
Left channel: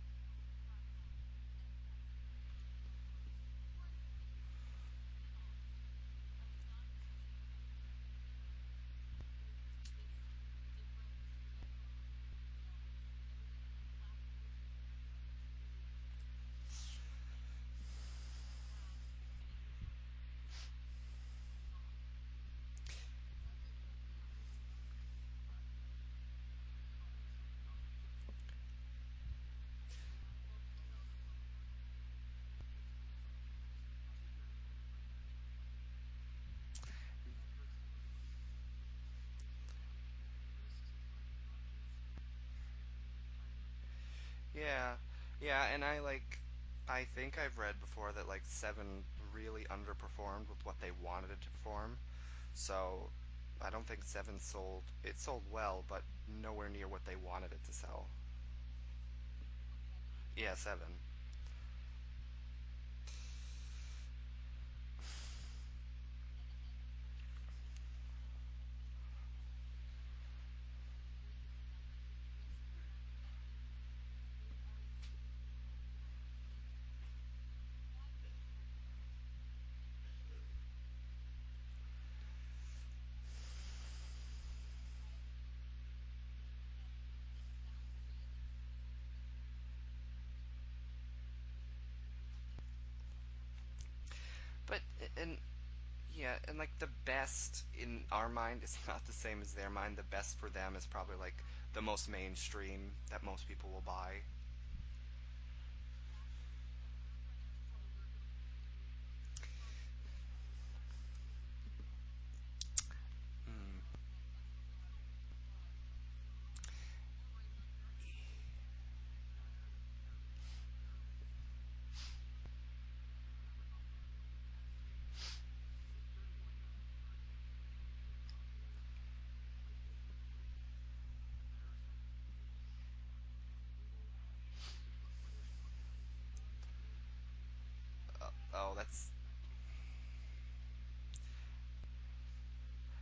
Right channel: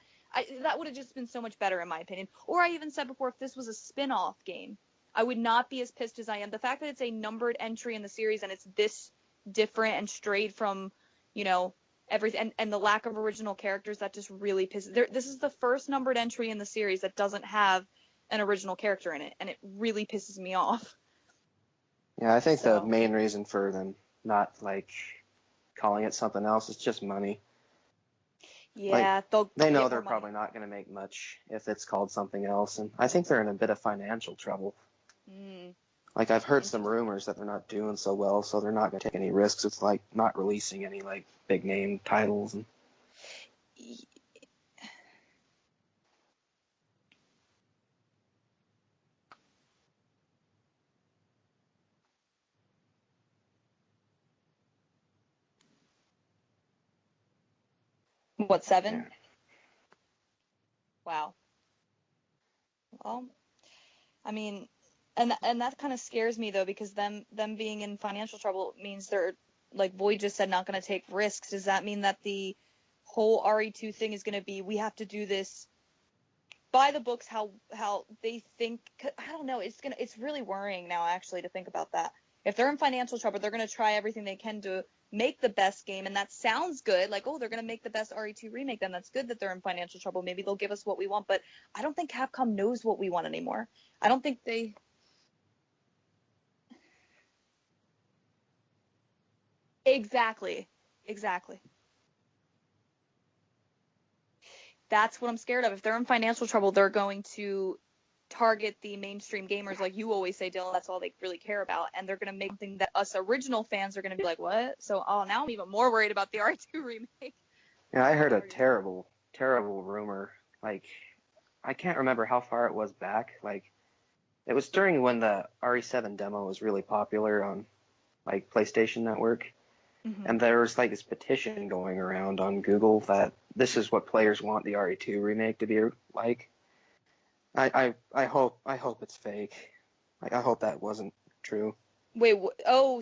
That would have just been so much better in my opinion. Or I even said before, if this was a spin-off game, I would not be as pissed as I am. The fact that it's a numbered entry in the series and it's this different and strayed from, everything, and the lack of original characters, that just really pisses. This is the first numbered entry in the series that doesn't have an original character in it, and it really pisses me off. Yeah, I think the main reason for them not calling it something else is just money. Yeah, they know they're probably not going to make much if it's called something else, and I think they're in a bit of financial trouble. I've heard some rumors that they're not doing so well, so they're not going to take any risks with not releasing any big name titles. And... Yeah, and I think I've read before that 7 really underperformed with what they wanted it to perform, so I don't think 7 sold. It sold well, but nowhere near what they wanted it to sell. What, 7? Yeah, 7. Wow. Well, I mean, and that kind of scares me though, because them being in financial trouble means they're, like Void just said, not going to take risks. Does that mean that the whole RE2 thing is going to be, we have to do this by the books, how they think? I don't know. It's really worrying now actually to think about that. If they're in financial trouble, they're going to try everything they can to make the best game, and that sounds good. Like, oh, they're going to make the best RE2 remake, then that's good that they're in financial trouble. Maybe they'll give us what we want, but I don't think Capcom knows what we want anymore. I don't think they... But, and the best in our mind is not the same as their mind. Exactly. The best for them is probably the most mainstream that most people will buy. That's what I'm scared of. If they're in financial trouble, they're going to target the mainstream gamers, like you always say, Dylan. That's all they really care about, and they're going to make things that us original fans are going to be like, what? So now I'm even more worried about the RE2 remake. Yeah, I heard a terrible rumor. I can't remember how far it was back. It was during when the RE7 demo was really popular on PlayStation Network, and there was this petition going around on Google that this is what players want the RE2 remake to be like. I hope it's fake. I hope that wasn't true. Wait,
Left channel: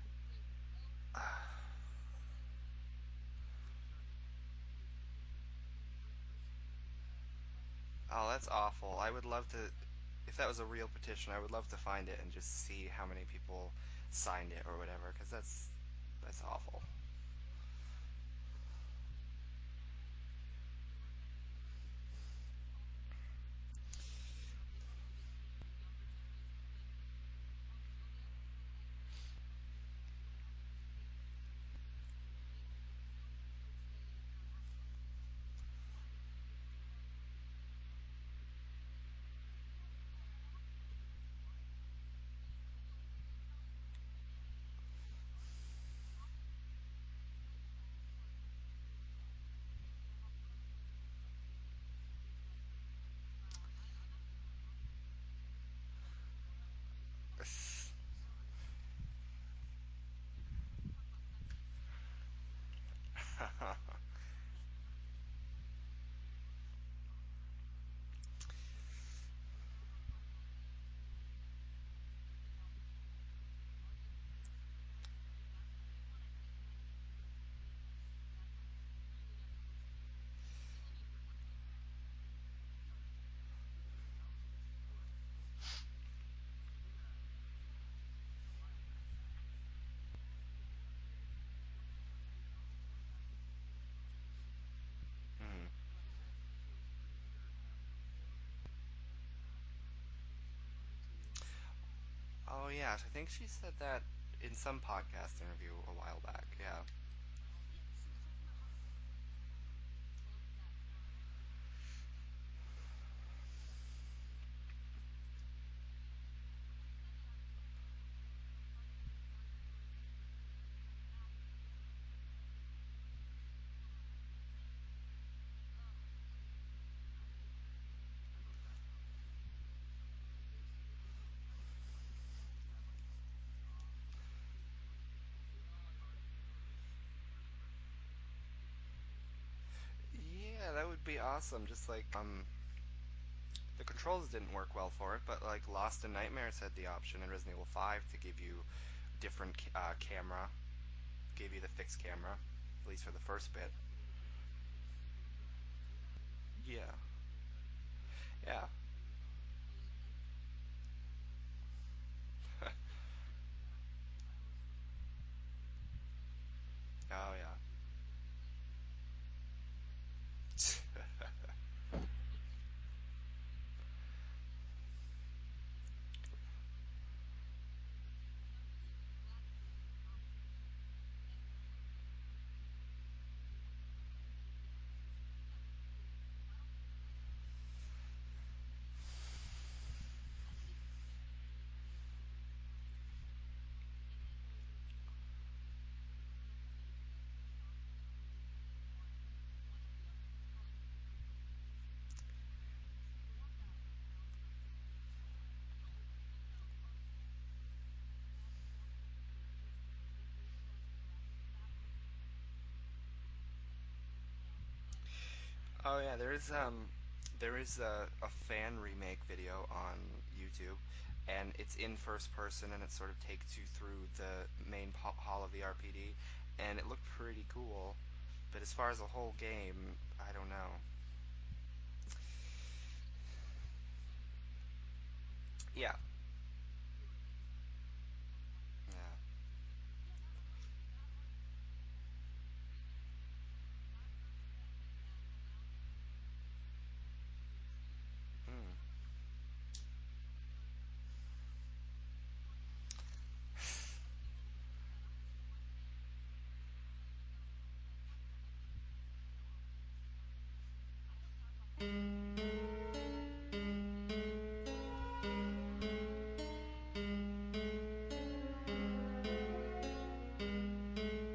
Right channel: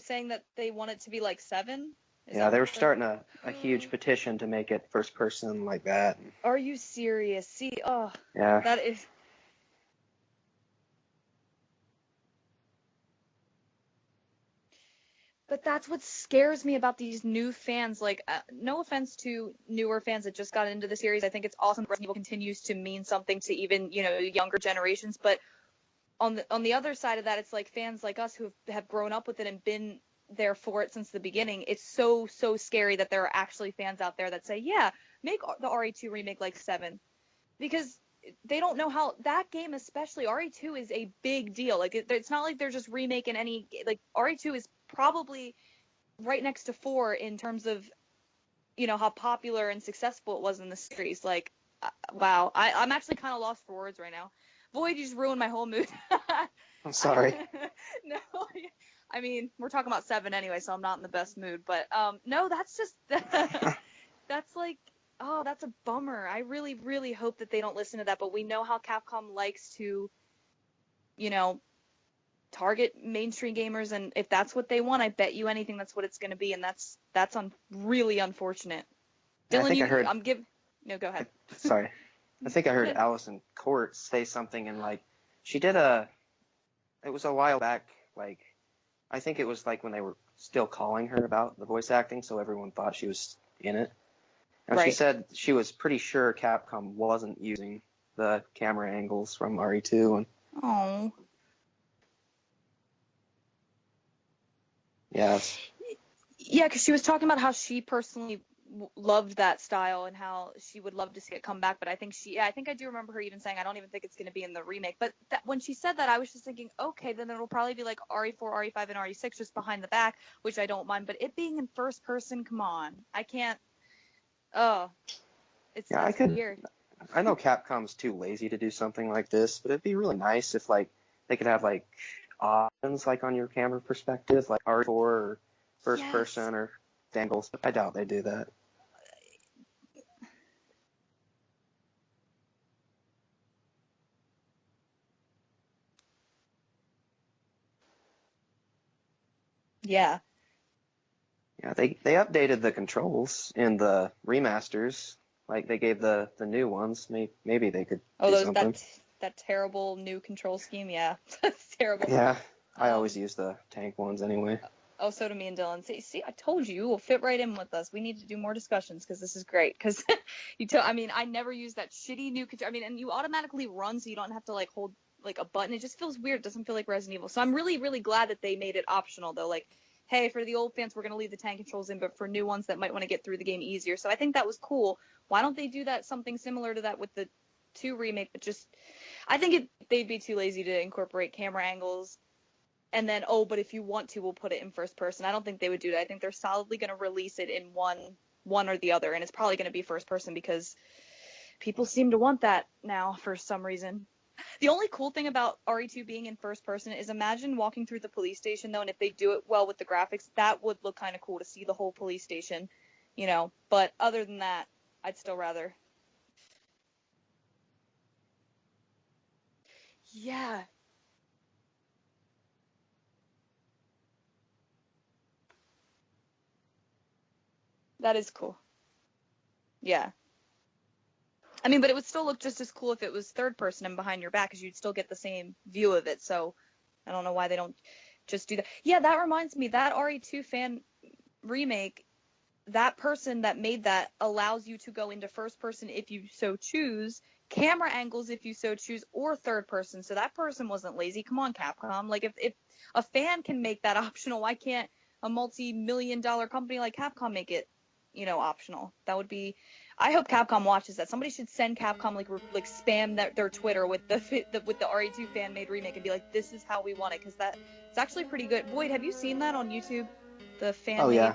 saying that they want it to be like 7? Yeah, they were starting a huge petition to make it first person like that. Are you serious? See, that's yeah. That is... I would love to, if that was a real petition, I would love to find it and just see how many people signed it or whatever. But that's what scares me about these new fans. No offense to newer fans that just got into the series. I think it's awesome that Resident Evil continues to mean something to even, younger generations. But on the other side of that, it's fans like us who have grown up with it and been there for it since the beginning. It's so scary that there are actually fans out there that say, yeah, make the RE2 remake like 7. Because they don't know how that game, especially RE2, is a big deal. It's not like they're just remaking any. RE2 is probably right next to 4 in terms of how popular and successful it was in the series. Wow, I'm actually kind of lost for words right now. Void, you just ruined my whole mood. I'm sorry. No, I mean, we're talking about 7 anyway, so I'm not in the best mood, but no, that's just that's that's a bummer. I really, really hope that they don't listen to that, but we know how Capcom likes to, target mainstream gamers, and if that's what they want, I bet you anything that's what it's going to be, and that's really unfortunate. Dylan, No, go ahead. Sorry. I think I heard Allison Court say something, and she did it was a while back, I think it was when they were still calling her about the voice acting, so everyone thought she was in it. And right. She said she was pretty sure Capcom wasn't using the camera angles from RE2. And... Oh. that. I think she said that in some podcast Yes. interview a while back. Yeah, because she was talking about how she personally loved that style and how she would love to see it come back. But I think I think I do remember her even saying, I don't even think it's going to be in the remake. But when she said that, I was just thinking, okay, then it'll probably be like RE4, RE5, and RE6 just behind the back, which I don't mind. But it being in first person, come on, I can't. Oh, that's weird. I know Capcom's too lazy to do something like this, but it'd be really nice if like they could have like options like on your camera perspective, like R4 or first person or angles. But I doubt they do that. Yeah, that would be awesome. Just like the controls didn't work well for it, but like Lost in Nightmares had the option in Resident Evil 5 to give you different camera. Yeah, they updated the controls in the remasters. Like they gave the new ones. Maybe they could. That terrible new control scheme. Yeah, that's terrible. Yeah, I always use the tank ones anyway. Oh, so do me and Dylan. See, I told you will fit right in with us. We need to do more discussions because this is great. Because I never use that shitty new control. I mean, and you automatically run, so you don't have to like hold like a button. It just feels weird. It doesn't feel like Resident Evil. So I'm really, really glad that they made it optional though. Like, hey, for the old fans, we're gonna leave the tank controls in, but for new ones that might want to get through the game easier. So I think that was cool. Why don't they do that something similar to that with the 2 remake? But just, I think they'd be too lazy to incorporate camera angles. And then, but if you want to, we'll put it in first person. I don't think they would do that. I think they're solidly going to release it in one or the other, and it's probably going to be first person because people seem to want that now for some reason. The only cool thing about RE2 being in first person is imagine walking through the police station, though, and if they do it well with the graphics, that would look kind of cool to see the whole police station, But other than that, I'd still rather. Oh, yeah, there is a fan remake video on YouTube. And it's in first person, and it sort of takes you through the main hall of the RPD, and it looked pretty cool. That is cool. But as far as the whole game, I don't know. I mean, but it would still look just as cool if it was third person and behind your back, because you'd still get the same view of it. So I don't know why they don't just do that. Yeah, that reminds me, that RE2 fan remake, that person that made that allows you to go into first person if you so choose, camera angles if you so choose, or third person. So that person wasn't lazy. Come on, Capcom. Like, if a fan can make that optional, why can't a multi-million-dollar company like Capcom make it, optional? That would be. I hope Capcom watches that. Somebody should send Capcom like spam their Twitter with the RE2 fan made remake and be like, this is how we want it, because it's actually pretty good. Boyd, have you seen that on YouTube? The fan. Oh yeah.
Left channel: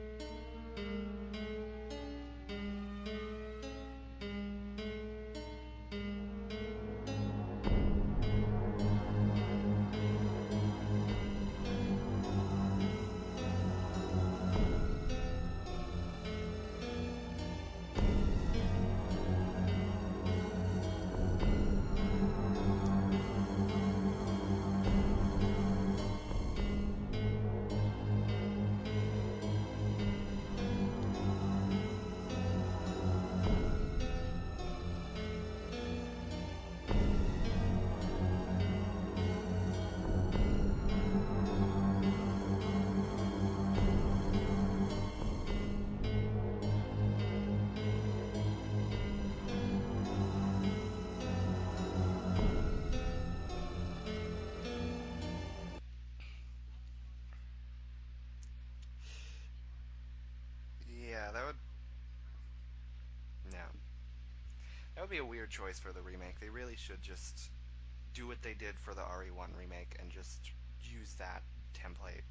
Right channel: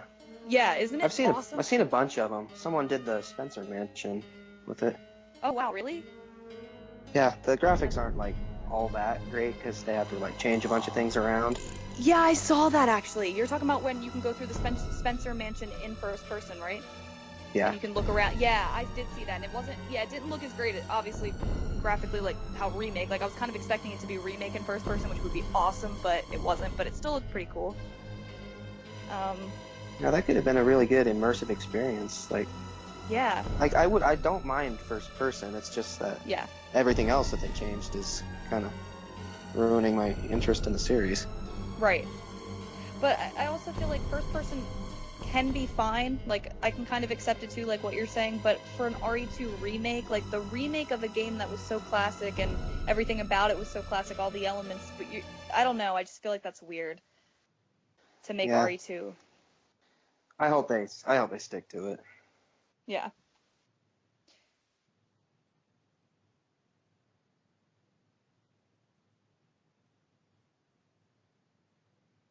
Yeah, isn't it awesome? I've seen a bunch of them. Someone did the Spencer Mansion with it. Oh wow, really? Yeah, the graphics aren't like all that great because they have to like change a bunch of things around. Yeah, I saw that actually. You're talking about when you can go through the Spencer Mansion in first person, right? Yeah. And you can look around. Yeah, I did see that. And it didn't look as great, obviously, graphically, like how remake. Like I was kind of expecting it to be remake in first person, which would be awesome, but it wasn't. But it still looked pretty cool. Now that could have been a really good immersive experience. Like. Yeah. Like I don't mind first person. It's just that everything else that they changed is kind of ruining my interest in the series. Right. But I also feel like first person can be fine. Like I can kind of accept it too, like what you're saying. But for an RE2 remake, like the remake of a game that was so classic and everything about it was so classic, all the elements. But I don't know. I just feel like that's weird to make RE2. I hope they stick to it. Yeah. That would be a weird choice for the remake. They really should just do what they did for the RE1 remake and just use that template.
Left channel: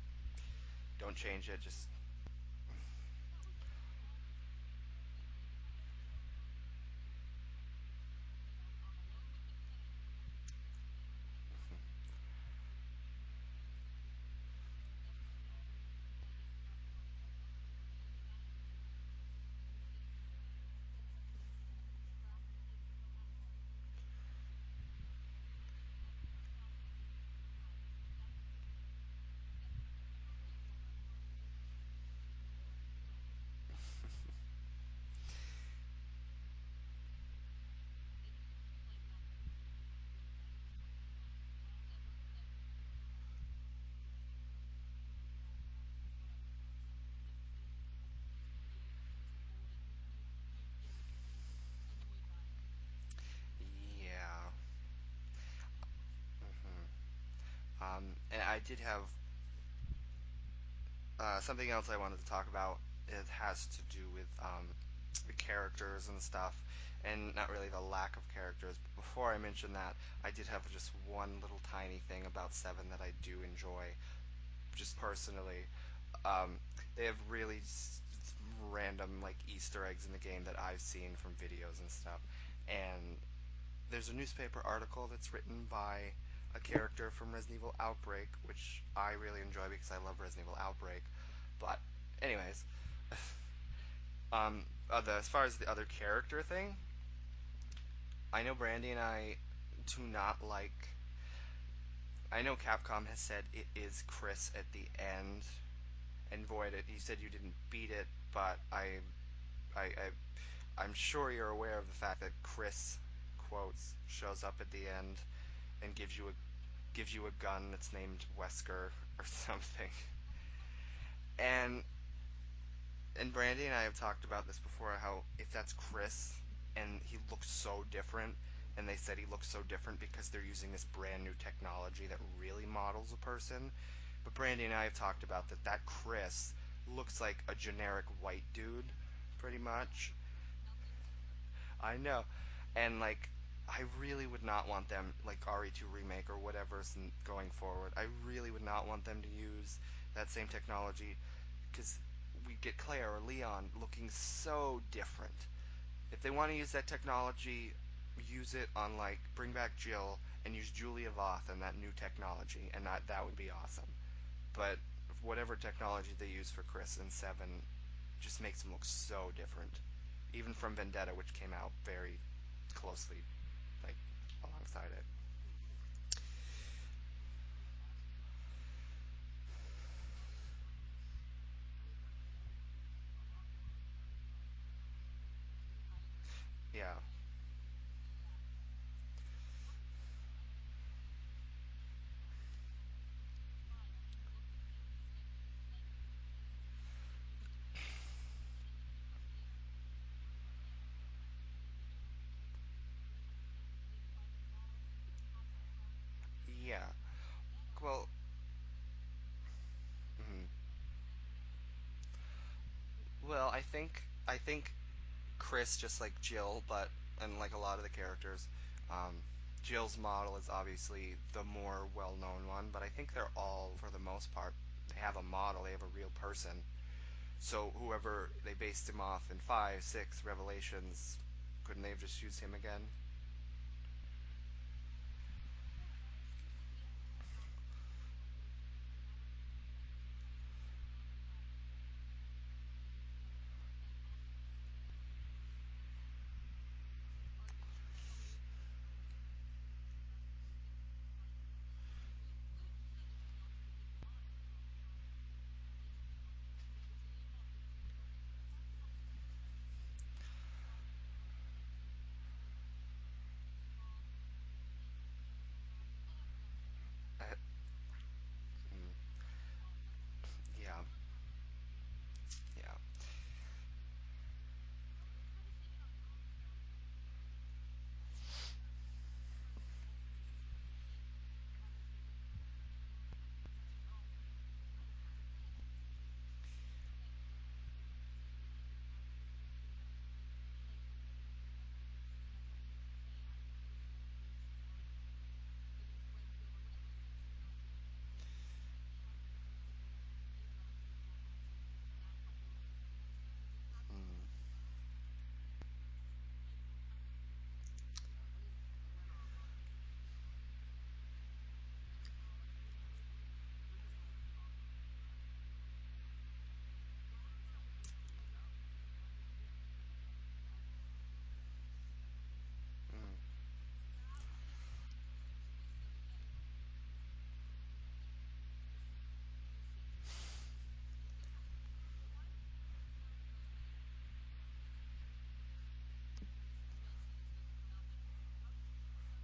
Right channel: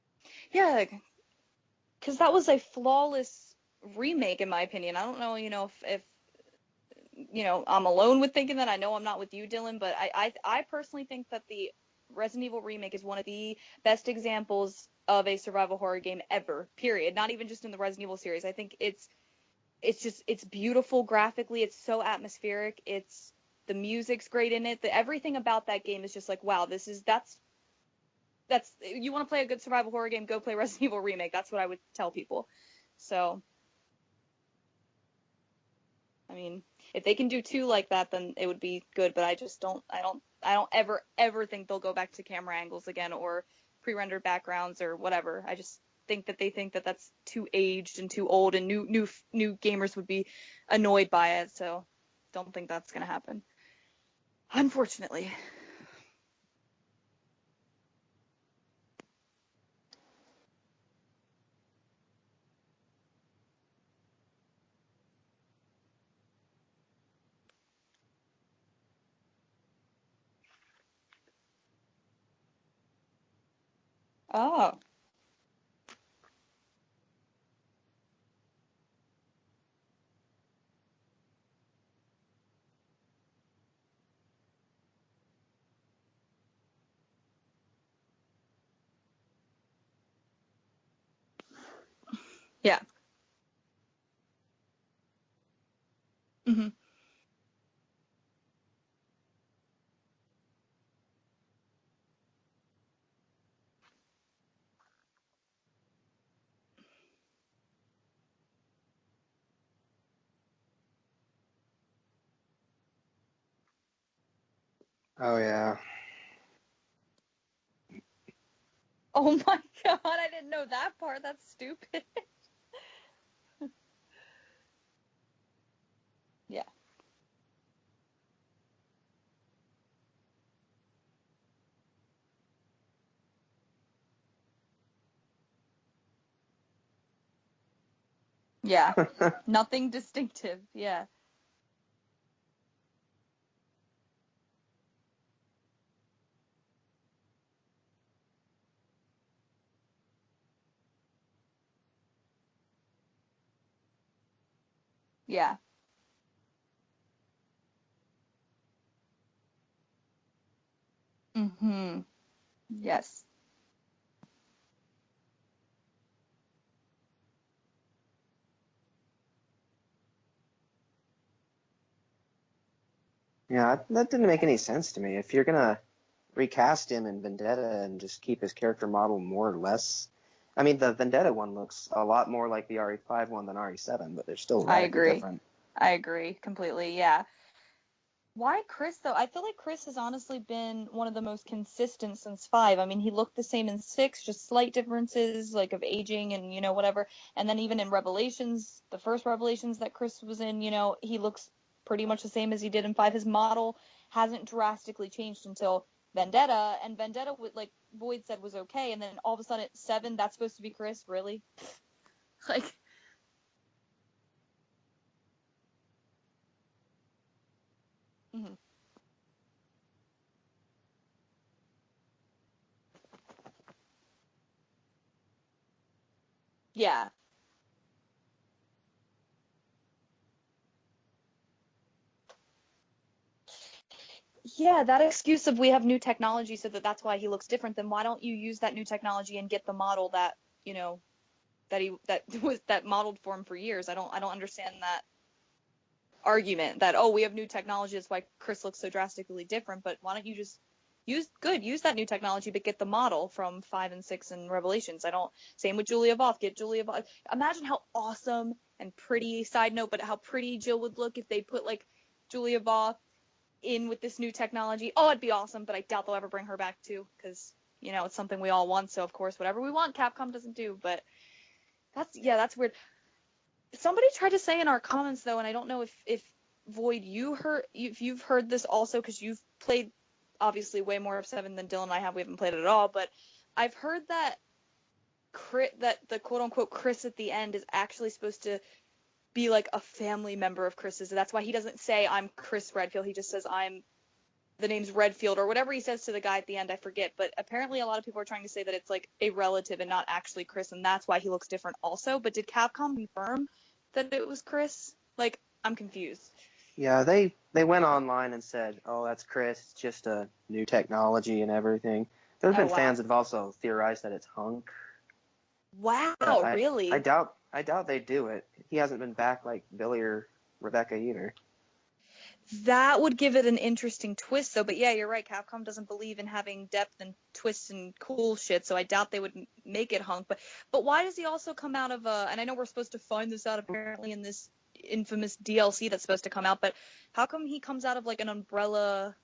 Yeah. Don't change it, just... Because that was a flawless remake, in my opinion. I don't know, if I'm alone with thinking that. I know I'm not with you, Dylan, but I personally think that the Resident Evil remake is one of the best examples of a survival horror game ever, period. Not even just in the Resident Evil series. I think it's beautiful graphically. It's so atmospheric. The music's great in it. Everything about that game is just like, wow, that's you want to play a good survival horror game, go play Resident Evil remake. That's what I would tell people. So, I mean, if they can do 2 like that, then it would be good. But I don't ever think they'll go back to camera angles again or pre-rendered backgrounds or whatever. I just think that they think that that's too aged and too old, and new gamers would be annoyed by it. So, don't think that's gonna happen. Yeah. Unfortunately. And I did have something else I wanted to talk about, it has to do with the characters and stuff, and not really the lack of characters. But before I mention that, I did have just one little tiny thing about Seven that I do enjoy, Oh. just personally. Um, they have really random like Easter eggs in the game that I've seen from videos and stuff, and there's a newspaper article that's written by a character from Resident Evil Outbreak, which I really enjoy because I love Resident Evil Outbreak. But, anyways, Yeah. as far as the other character Mm-hmm. thing, I know Brandi and I do not like. I know Capcom has said it is Chris at the end, and Void, you said you didn't beat it, but I'm sure you're aware of the fact that Chris quotes shows up at the end Oh yeah. and gives you a gun that's named Wesker. Oh my something. god, I didn't know that part. That's And stupid. and Brandi and I have talked about this before, how if that's Chris, Yeah. and he looks so different, and they said he looks so different because they're using this brand new technology that really models a person. But Brandi and I have talked about that Chris looks like a generic white dude. Yeah. pretty Nothing much. distinctive. Yeah. I know. And like I really would not want them like RE2 remake or whatever's going forward. I really would not want them to use that same technology because we get Claire or Leon looking so different. Yeah. If they want to use that technology, use it on like bring back Jill and use Julia Voth and that new technology, and Yes. that would be awesome. But whatever technology they use for Chris in 7 just makes him look so different, even from Vendetta, which came out very closely. Yeah, that didn't make any sense to me. If you're gonna recast him in Vendetta and just keep his character model more or less, I mean, the Vendetta one looks a lot more like the RE5 one than RE7, but they're still radically different. I agree completely. Yeah. Why Chris though? I feel like Chris has honestly been one of the most consistent since 5. I mean, he looked the same in 6, just slight differences like of aging and whatever. And then even in Revelations, the first Revelations that Chris was in, he looks pretty much the same as he did in 5. His model hasn't drastically changed until Vendetta, Yeah. and Vendetta, Void said, was okay, and then all of a sudden at 7, that's supposed to be Chris, really? Like, well, I think Chris, just like Jill, and like a lot of the characters, Jill's model is obviously the more well-known one, but I think they're all, for the most part, they have a model, they have a real person. Yeah. So whoever they based him off in 5, 6, Revelations, couldn't they have just used him again? Yeah, that excuse of we have new technology so that's why he looks different, then why don't you use that new technology and get the model that, that modeled for him for years? I don't understand that argument that, we have new technology, that's why Chris looks so drastically different, but why don't you just use that new technology, but get the model from 5 and 6 and Revelations. Same with Julia Voth, get Julia Voth. Imagine how awesome and pretty, side note, but how pretty Jill would look if they put like Julia Voth in with this new technology. Oh, it'd be awesome, but I doubt they'll ever bring her back too, because it's something we all want. So of course, whatever we want, Capcom doesn't do. Yeah. But that's weird. Somebody tried to say in our comments though, and I don't know if Void, if you've heard this also, because you've played obviously way more of 7 than Dylan and I have. We haven't played it at all, but I've heard that the quote unquote Chris at the end is actually supposed to be like a family member of Chris's. That's why he doesn't say I'm Chris Redfield. He just says the name's Redfield, or whatever he says to the guy at the end, I forget. But apparently a lot of people are trying to say that it's like a relative and not actually Chris, and that's why he looks different also. But did Capcom confirm that it was Chris? Like, I'm confused. Yeah, they went online and said, oh, that's Chris, it's just a new technology and everything. There have been fans that have also theorized that it's Hunk. Wow, really? I doubt they do it. He hasn't been back like Billy or Rebecca either. That would give it an interesting twist, though. But yeah, you're right. Capcom doesn't believe in having depth and twists and cool shit, so I doubt they would make it Hunk. But why does he also come out of and I know we're supposed to find this out apparently in this infamous DLC that's supposed to come out, but how come he comes out of like an umbrella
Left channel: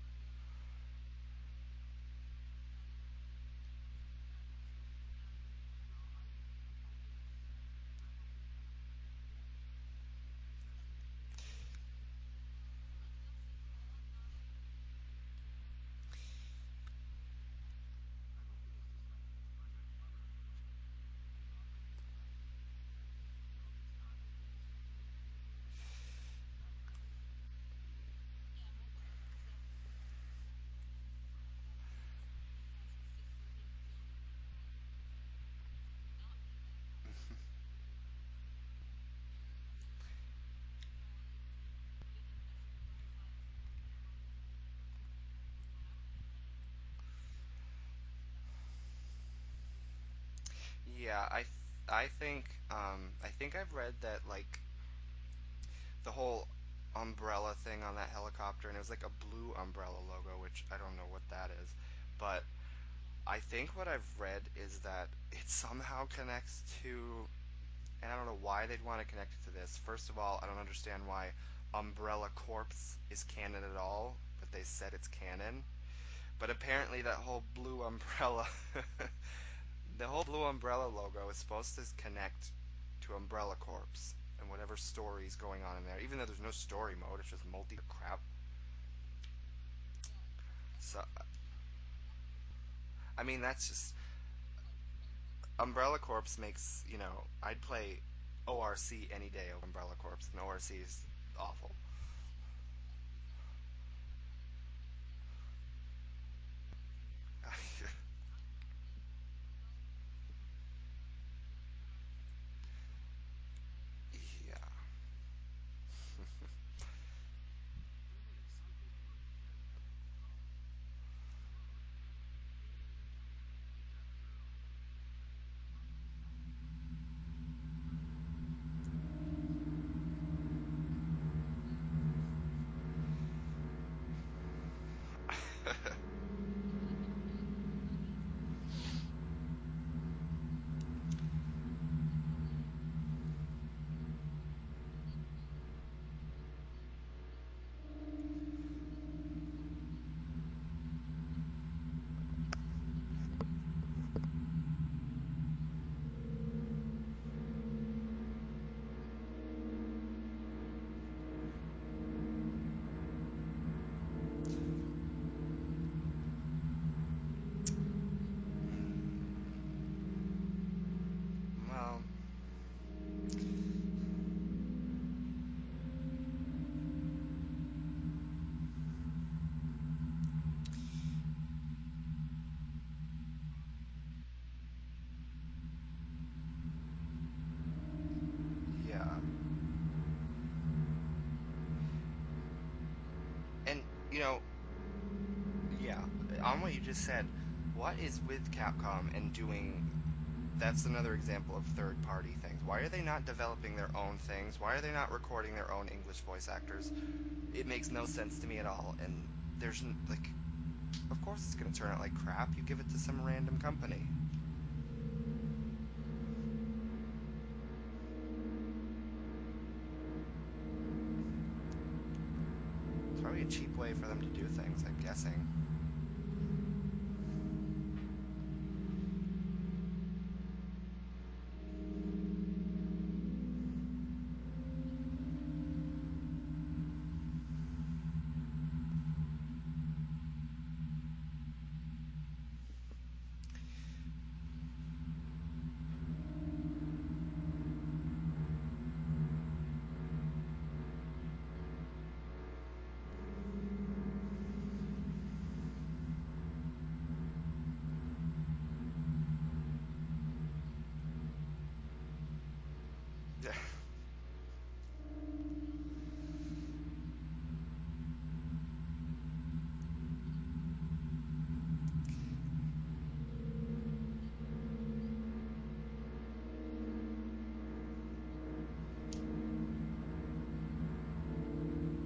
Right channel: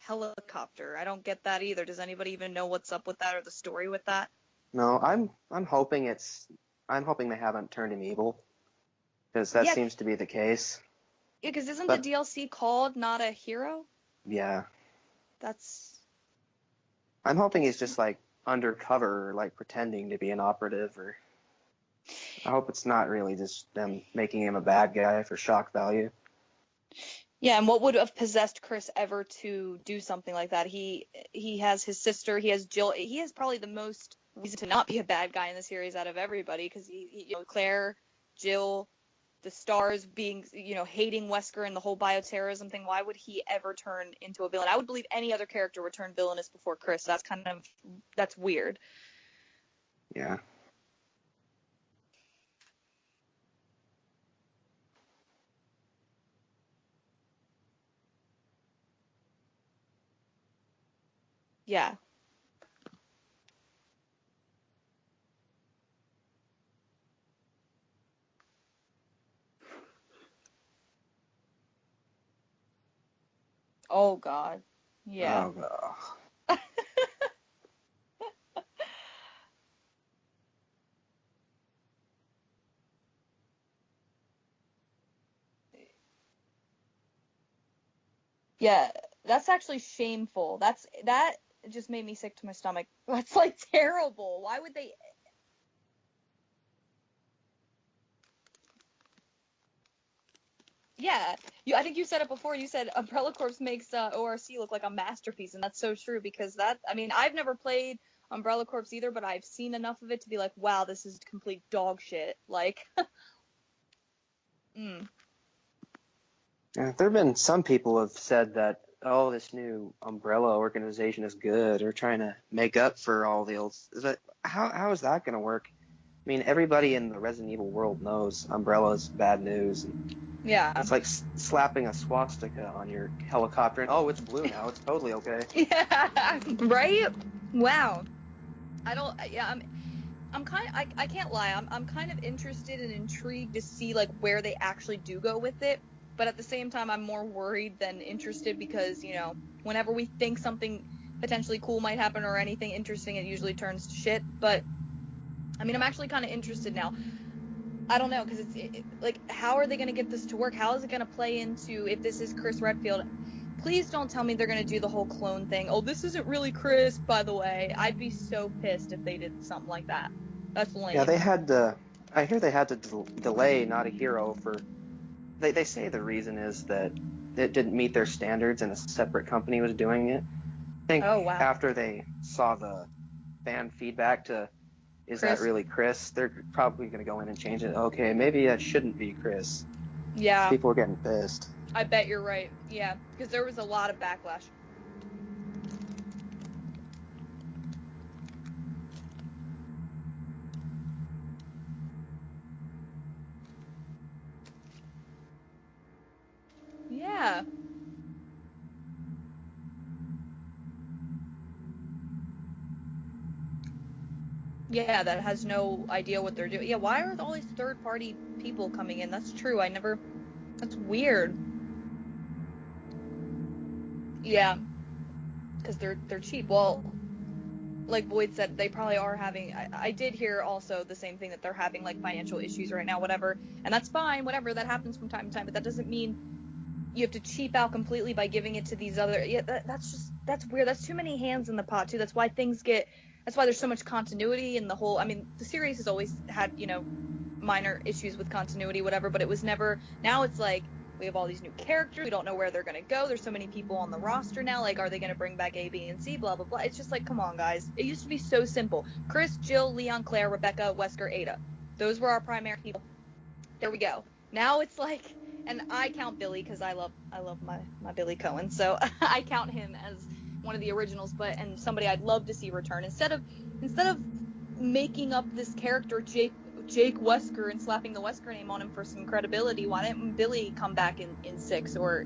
helicopter? I don't get that either. Does anybody even know what's up with that or the story with that? No, I'm hoping they haven't turned him evil, because that seems to be the case. Yeah, because isn't the DLC called Not a Hero? Yeah. That's... I'm hoping he's just like undercover, like pretending to be an operative or I hope it's not really just them making him a bad guy for shock value. Yeah, and what would have possessed Chris ever to do something like that? He has his sister, he has Jill. He has probably the most reason to not be a bad guy in the series out of everybody, because Claire, Jill, the stars being, hating Wesker and the whole bioterrorism thing. Why would he ever turn into a villain? I would believe any other character would turn villainous before Chris. That's weird. Yeah. Yeah, I think I've read that like the whole umbrella thing on that helicopter, and it was like a blue umbrella logo, which I don't know what that is. Yeah. But I think what I've read is that it somehow connects to, and I don't know why they'd want to connect it to this. First of all, I don't understand why Umbrella Corps is canon at all. Oh God. They said it's Yeah. canon, but apparently that whole blue umbrella, the whole blue umbrella logo is supposed to connect to Umbrella Corps and whatever story's going on in there. Even though there's no story mode, it's just multi crap. Yeah, that's actually shameful. That just made me sick to my stomach. That's that's terrible. Why would they? Umbrella Corps makes, I'd play ORC any day over Umbrella Corps, and ORC is awful. I think you said it before. You said Umbrella Corps makes ORC look like a masterpiece, and that's so true, because I've never played Umbrella Corps either, but I've seen enough of it to be like, wow, this is complete dog shit. Like, yeah. There have been some people who have said that, oh, this new umbrella organization is good, or trying to make up for all the old. How is that going to work? I mean, everybody in the Resident Evil world knows Umbrella's bad news. Yeah. It's like slapping a swastika on your helicopter and, oh, it's blue now. It's totally okay. Yeah. Right? Wow. I'm kind of, I can't lie. I'm kind of interested and intrigued to see like where they actually do go with it. But at the same time, I'm more worried than interested, because, whenever we think something potentially cool might happen or anything interesting, it usually turns to shit. But, I'm actually kind of interested now. I don't know, because like, how are they going to get this to work? How is it going to play into, if this is Chris Redfield? Please don't tell me they're going to do the whole clone thing. Oh, this isn't really Chris, by the way. I'd be so pissed if they did something like that. That's lame. Yeah, they had to, I hear they had to delay Not a Hero for... They say the reason is that it didn't meet their standards and a separate company was doing it. I think after they saw the fan feedback to, is Chris? That really Chris? They're probably going to go in and change it. Okay, maybe that shouldn't be Chris. Yeah. People are getting pissed. I bet you're right. Yeah, because there was a lot of backlash. On what you just said, what is with Capcom and doing... That's another example of third-party things. Why are they not developing their own things? Why are they not recording their own English voice actors? Yeah. It makes no sense to me at all. And there's, of course it's going to turn out like crap. You give it to some random company. Yeah, that has no idea what they're doing. Yeah, why are all these third-party people coming in? That's true. That's weird. It's probably a cheap way for them to do things, I'm guessing. Because they're cheap. Well, like Boyd said, they probably are having... I did hear also the same thing, that they're having, like, financial issues right now, whatever. And that's fine, whatever. That happens from time to time. But that doesn't mean you have to cheap out completely by giving it to these other... Yeah, that's weird. That's too many hands in the pot, too. That's why that's why there's so much continuity in the whole... the series has always had, minor issues with continuity, whatever. But it was never... Now it's like... We have all these new characters. We don't know where they're going to go. There's so many people on the roster now. Like, are they going to bring back A, B, and C? Blah, blah, blah. It's just like, come on, guys. It used to be so simple. Chris, Jill, Leon, Claire, Rebecca, Wesker, Ada. Those were our primary people. There we go. Now it's like, and I count Billy because I love my Billy Cohen. So I count him as one of the originals, and somebody I'd love to see return. Instead of making up this character, Jake Wesker, and slapping the Wesker name on him for some credibility, why didn't Billy come back in 6 or,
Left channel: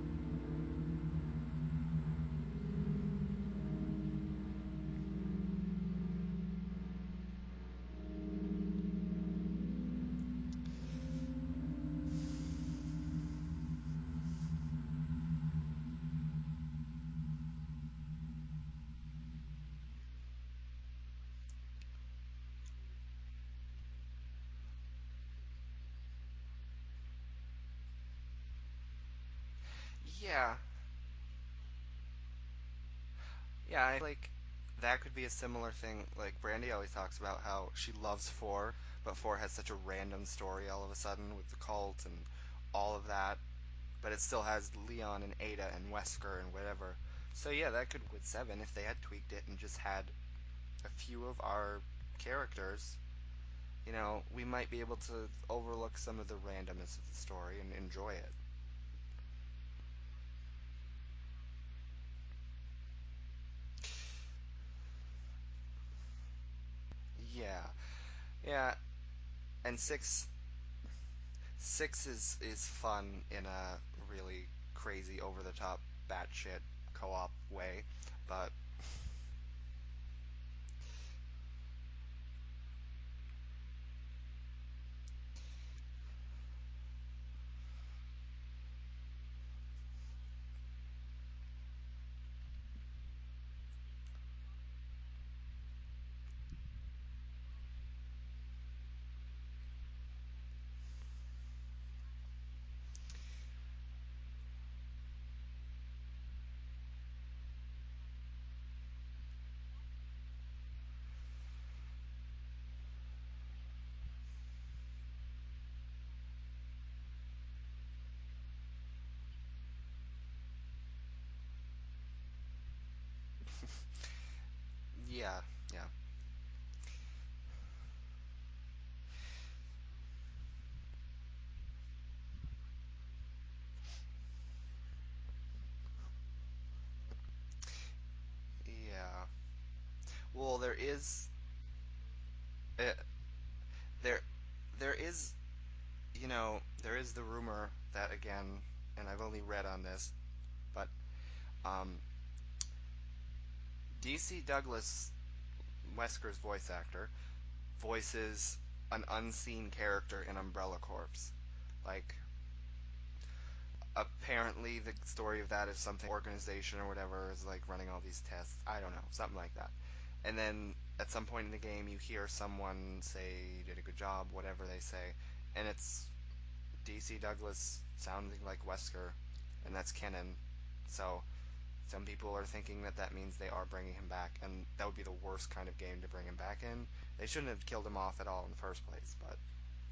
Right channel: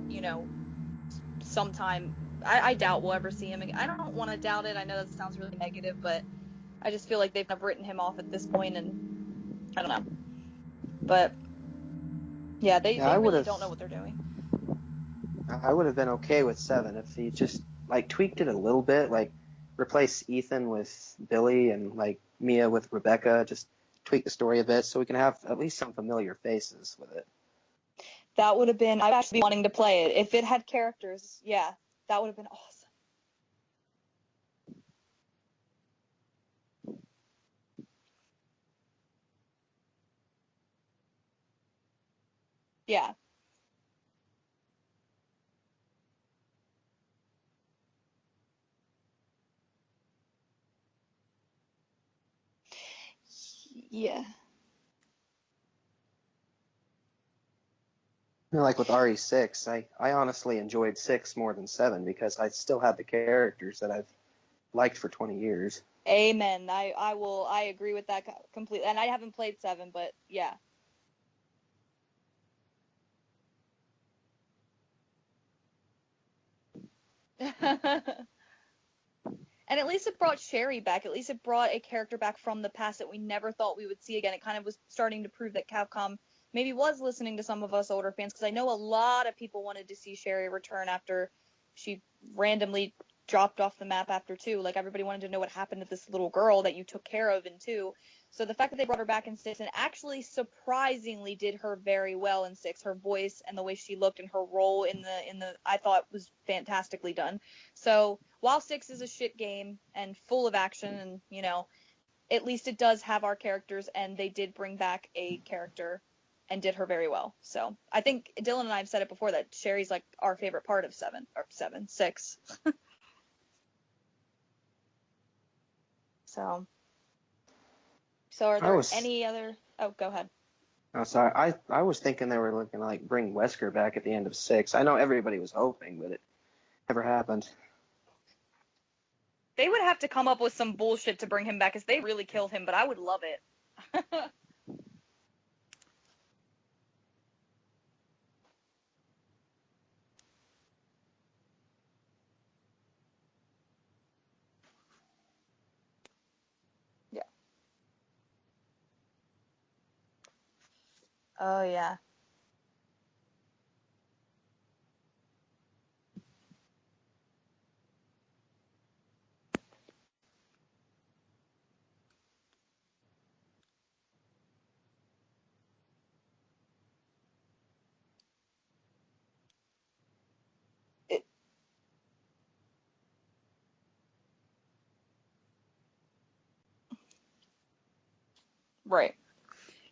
sometime? I doubt we'll ever see him again. I don't want to doubt it. I know that sounds really negative, but I just feel like they've written him off at this point, and I don't know. But, yeah, they really don't know what they're doing. I would have been okay with 7 if he just, tweaked it a little bit, replace Ethan with Billy and, Mia with Rebecca, just tweak the story a bit so we can have at least some familiar faces with it. That would have been... I'd actually be wanting to play it. If it had characters, that would have been awesome. Yeah, that could be a similar thing. Like, Brandi always talks about how she loves 4, but 4 has such a random story all of a sudden with the cult and all of Yeah. that. But it still has Leon and Ada and Wesker and whatever. So yeah, that could with 7 if they had tweaked it and just had a few of our characters. Yeah. We might be able to overlook some of the randomness of the story and enjoy it. Like with RE6, I honestly enjoyed 6 more than 7 because I still have the characters that I've liked for 20 years. Amen. I Yeah, agree with that yeah, completely. And I haven't played and 7, but yeah. 6 is fun in a really crazy, over the top, batshit co-op way, but And at least it brought Sherry back. At least it brought a character back from the past that we never thought we would see again. It kind of was starting to prove that Capcom maybe was listening to some of us older fans, because I know a lot of people wanted to see Sherry return after she randomly dropped off the map after 2. Like, everybody wanted to know what happened to this little girl that you took care of in 2. So the fact that they brought her back in 6 and actually surprisingly did her very well in 6, her voice and the way she looked and her role in the I thought was fantastically done. So while 6 is a shit game and full of action, and at least it does have our characters, and they did bring back a character and did her very well. So I think Dylan and I have said it before that Sherry's like our favorite part of 6. yeah, yeah. So are I there was any other? Oh, go ahead. Oh, sorry. I was thinking they were looking to like bring Wesker back at the end of 6. I know everybody was hoping, but it never happened. Yeah. They would have to come up with Well, some bullshit to bring him back, because they really killed him, but I there would love it. there there is there is the rumor that, again, and I've only read on this, but um, DC Douglas, Wesker's voice actor, Yeah. voices an unseen character in Umbrella Corps. Oh yeah. Like, apparently the story of that is something organization or whatever is like running all these tests. I don't know, something like that. And then at some point in the game, you hear someone say you did a good job, whatever they say, and it's DC Douglas sounding like Wesker, and that's canon. So It, some people are thinking that that means they are bringing him back, and that would be the worst kind of game to bring him back in. They shouldn't have killed him off at all in the first place, right. but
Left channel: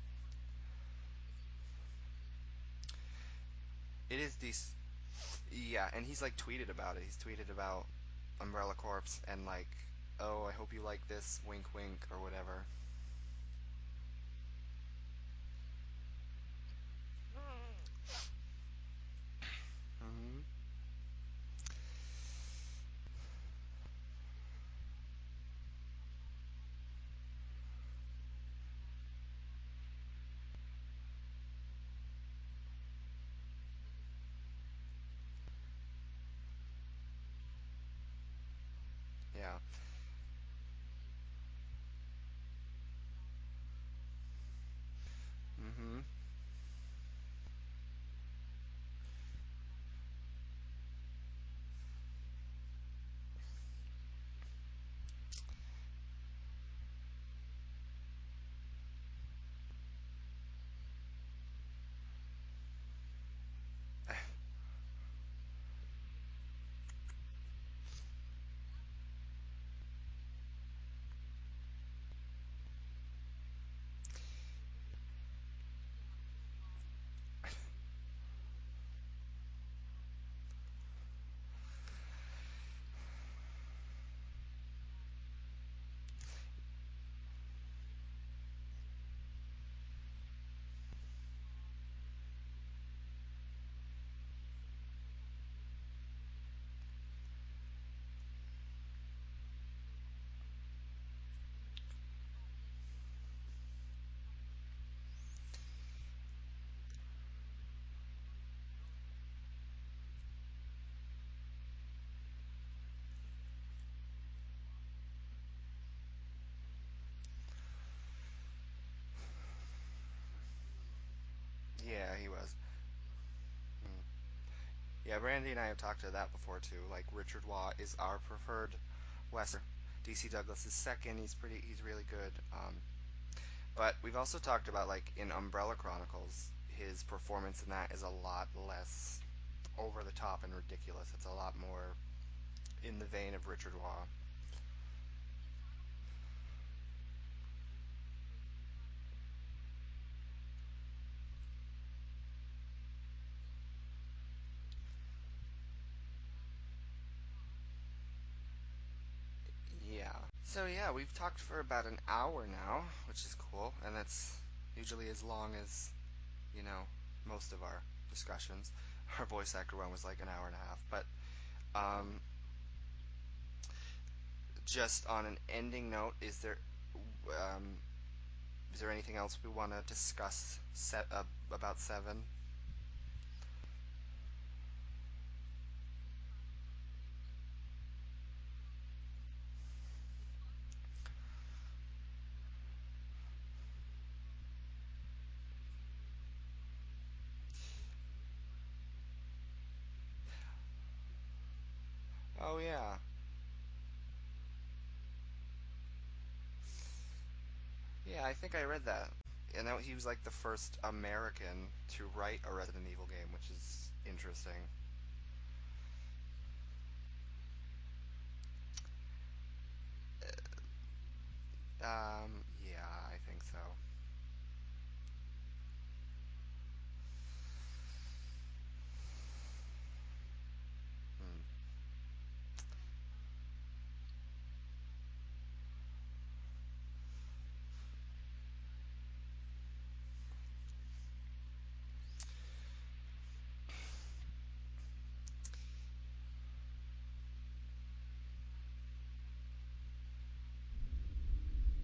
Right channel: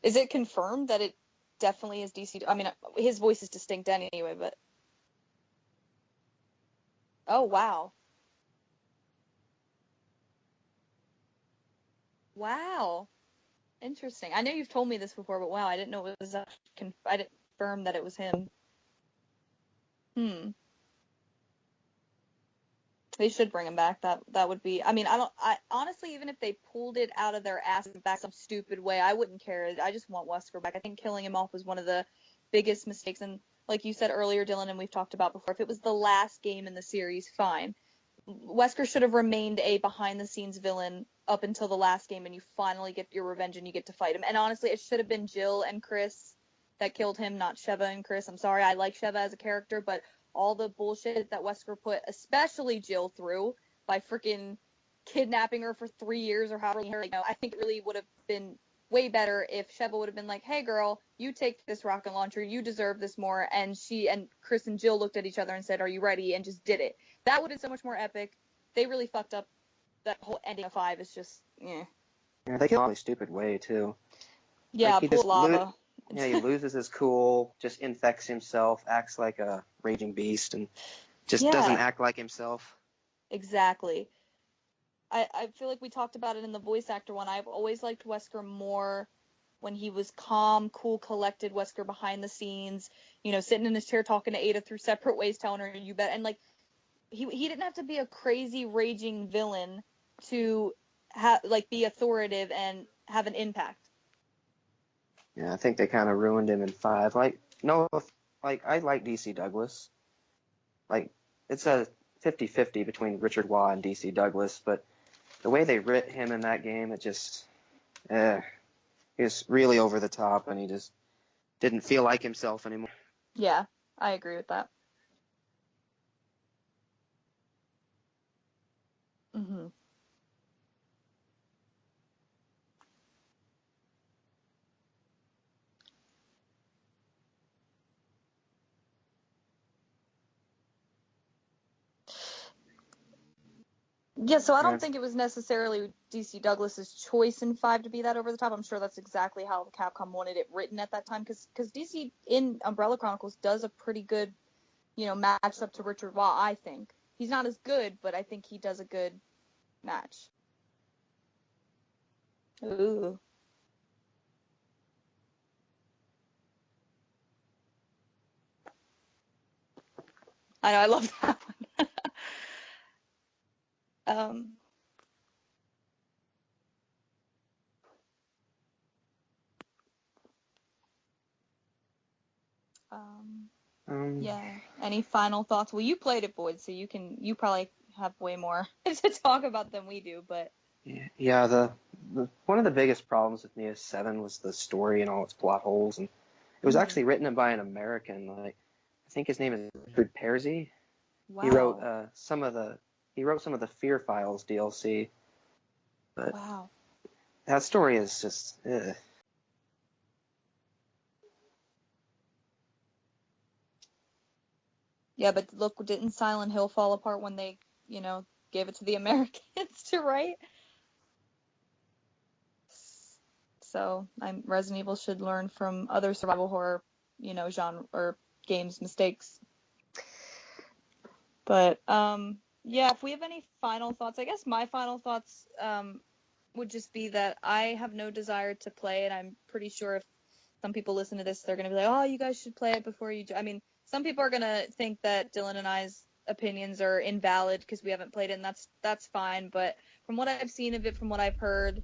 Is it confirmed that it definitely is DC? I mean, his voice is distinct it anyway, is but DC. Yeah, and he's like tweeted about it. He's oh tweeted about wow, Umbrella Corps and like, oh, I hope you like this, wink, wink, or whatever. wow, interesting. I know you've told me this before, but wow, I didn't know it was. I didn't confirm that it was him. Hmm. Hmm. They should bring him back. That would be. I mean, I don't. I honestly, even if they pulled it out of their ass back some stupid way, I wouldn't care. I just want Wesker back. I think killing him off was one of the biggest mistakes. And like you said earlier, Dylan, and we've talked about before, if it was the last game in the series, fine. Wesker should have Yeah. remained a behind the scenes villain up until the last game, and you finally get your revenge and you get to fight him. And honestly, it should have been Jill and Mm-hmm. Chris that killed him, not Sheva and Chris. I'm sorry, I like Sheva as a character, but all the bullshit that Wesker put, especially Jill, through by freaking kidnapping her for 3 years or however long, I think it really would have been way better if Sheva would have been like, "Hey, girl, you take this rocket launcher. You deserve this more." And she and Chris and Jill looked at each other and said, "Are you ready?" And just did it. That would have been so much more epic. They really fucked up. That whole ending of 5 is just, yeah. Yeah, they killed him in a really stupid way too. Yeah, Like he pool just lava. yeah, he loses his cool, just infects himself, acts like a raging beast, and just doesn't Yeah, act like himself. exactly. I feel like we talked about it in the voice actor one. I've always liked Wesker more when he was calm, cool, collected Wesker behind the scenes, sitting in his chair talking to Ada through separate ways, telling her you bet. And like he didn't have to be a crazy raging villain to be authoritative and have an impact. Yeah, I think they kind of ruined him in 5. Like no, like I like DC Douglas. Like it's a 50-50 between Richard Waugh and DC Douglas, but the way they writ him in that game, it just, he was really over the top, and he just didn't feel Yeah, like he was. himself anymore. Yeah, Mm. I agree with that. Yeah, Brandy and I have talked to that before too. Like, Richard Waugh is our preferred Wesker. Hmm. DC Douglas is second. He's really good. But we've also talked about, like, in Umbrella Chronicles, his performance in that is a lot less over the top and ridiculous. It's a lot more in the vein of Richard Waugh. Yeah, so I don't think it was necessarily DC Douglas's choice in 5 to be that over the top. I'm sure that's exactly how Capcom wanted it written at that time, because DC in Umbrella Chronicles does a pretty good, match up to Richard Waugh, I think. He's not as good, but I think he does a good match. Yeah. So yeah, we've talked for about an hour now, Ooh. which is cool, and that's usually as long as, most of our discussions. Our voice actor one was like an hour and a half. I know, I love that one. Just on an ending note, is there anything else we want to discuss about 7? Yeah. Any final thoughts? Well, you played it, Boyd, so you probably have way more to talk about than we do, but yeah, the one of the biggest problems with me is 7 was the story and all its plot holes, and it was actually written by an American. I think his name is Richard Pearse. wow. He wrote he wrote some of the Fear Files DLC. But wow. that story is Yeah, just. I think I read that. And he was like the first American to write a Resident Evil game, which is interesting. Yeah, but look, didn't Silent Hill fall apart when they, gave it to the Americans to write? Yeah, I think so. So, Resident Evil should learn from other survival horror, genre or games mistakes. But yeah, if we have any final thoughts, I guess my final thoughts would just be that I have no desire to play it. I'm pretty sure if some people listen to this, they're going to be like, oh, you guys should play it before you do. I mean, some people are going to think that Dylan and I's opinions are invalid because we haven't played it, and that's fine. But from what I've seen of it, from what I've heard,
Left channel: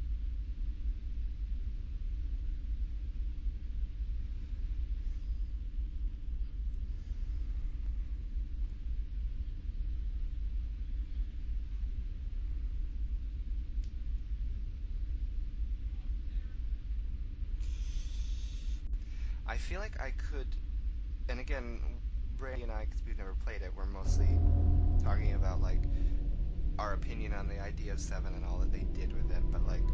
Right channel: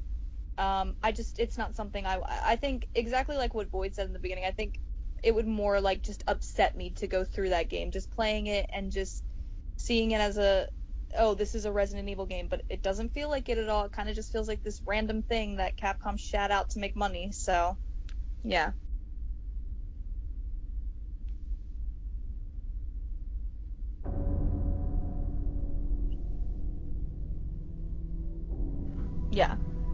it's not something I think exactly like what Boyd said in the beginning. I think it would more like just upset me to go through that game, just playing it and just seeing it as this is a Resident Evil game, but it doesn't feel like it at all. It kind of just feels like this random thing that Capcom shat out to make money. So, yeah. I feel like I could, and again, Brandi and I, because we've never played it, we're mostly talking about like our opinion on the idea of 7 and all that they did with it. Yeah. But like,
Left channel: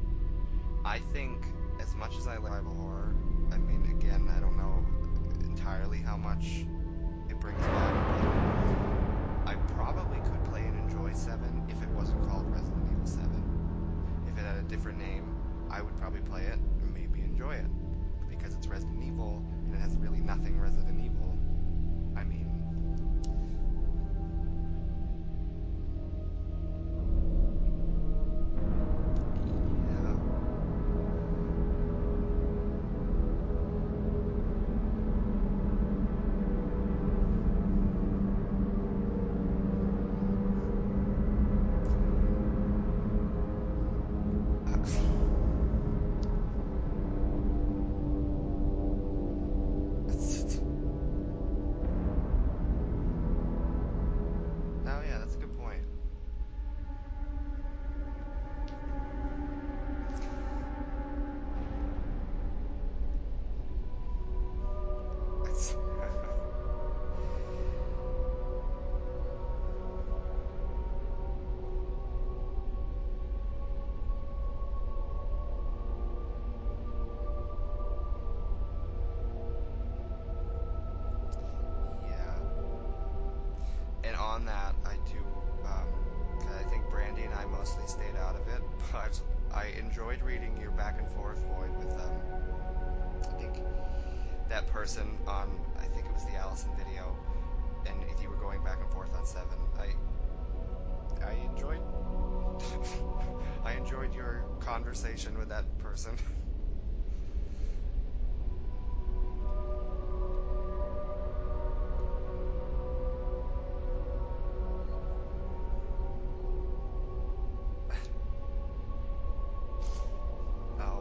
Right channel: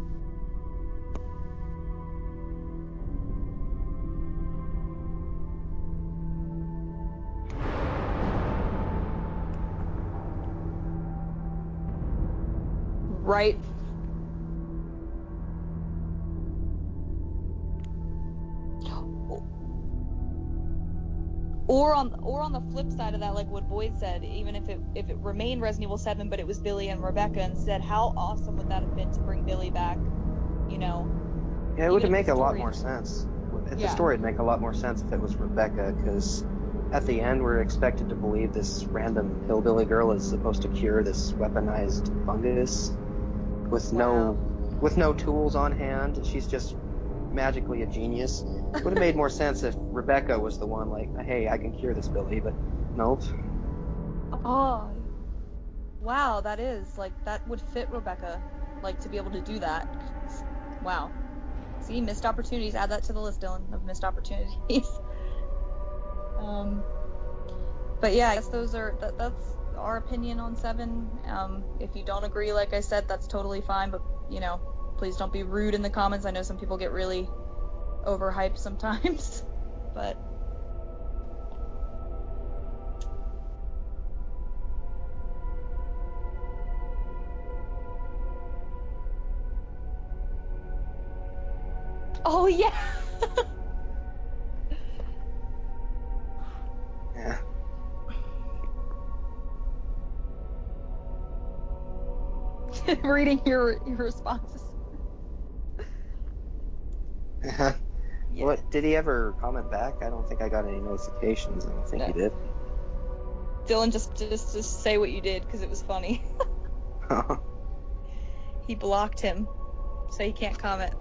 I think as much as I like survival horror, I mean, again, I don't know entirely how much it brings back. I probably could play and enjoy 7 if it wasn't called Resident Evil 7. Right. If it had a different name, I would probably play it and maybe enjoy it because it's Resident Evil and it has really nothing Resident Evil. Or on the flip side of that, like what Boyd said, even if it remained Resident Evil 7, but it was Billy and Rebecca instead, how awesome would that have been to bring Billy back? Yeah, it would make a lot more sense. The story would make a lot more sense if it was Rebecca, because at the end we're expected to believe this random hillbilly girl is supposed to cure this weaponized fungus with no tools on hand. She's just magically a genius. It would have made more sense if Rebecca was the one, like, hey, I can cure this Billy, but nope. Oh yeah, that's a good point. Wow, that would fit Rebecca, like, to be able to do that. Wow. See, missed opportunities. Add that to the list, Dylan, of missed opportunities. But yeah, I guess that's our opinion on 7. If you don't agree, like I said, that's totally fine. But please don't be rude in the comments. I know some people get really overhyped sometimes. But yeah. And on that, I do. I think Brandi and I mostly stayed out of it, but I enjoyed reading your back and forth point with that. Oh yeah. That person on, I think it was the Allison video. Yeah. And you were going back and forth on 7. I enjoyed reading your responses. Your conversation with that person. Yeah. What, did he ever comment back? I don't think I got any notifications. I don't think he did. Dylan, just say what you did because it was funny. He blocked him, so he can't comment.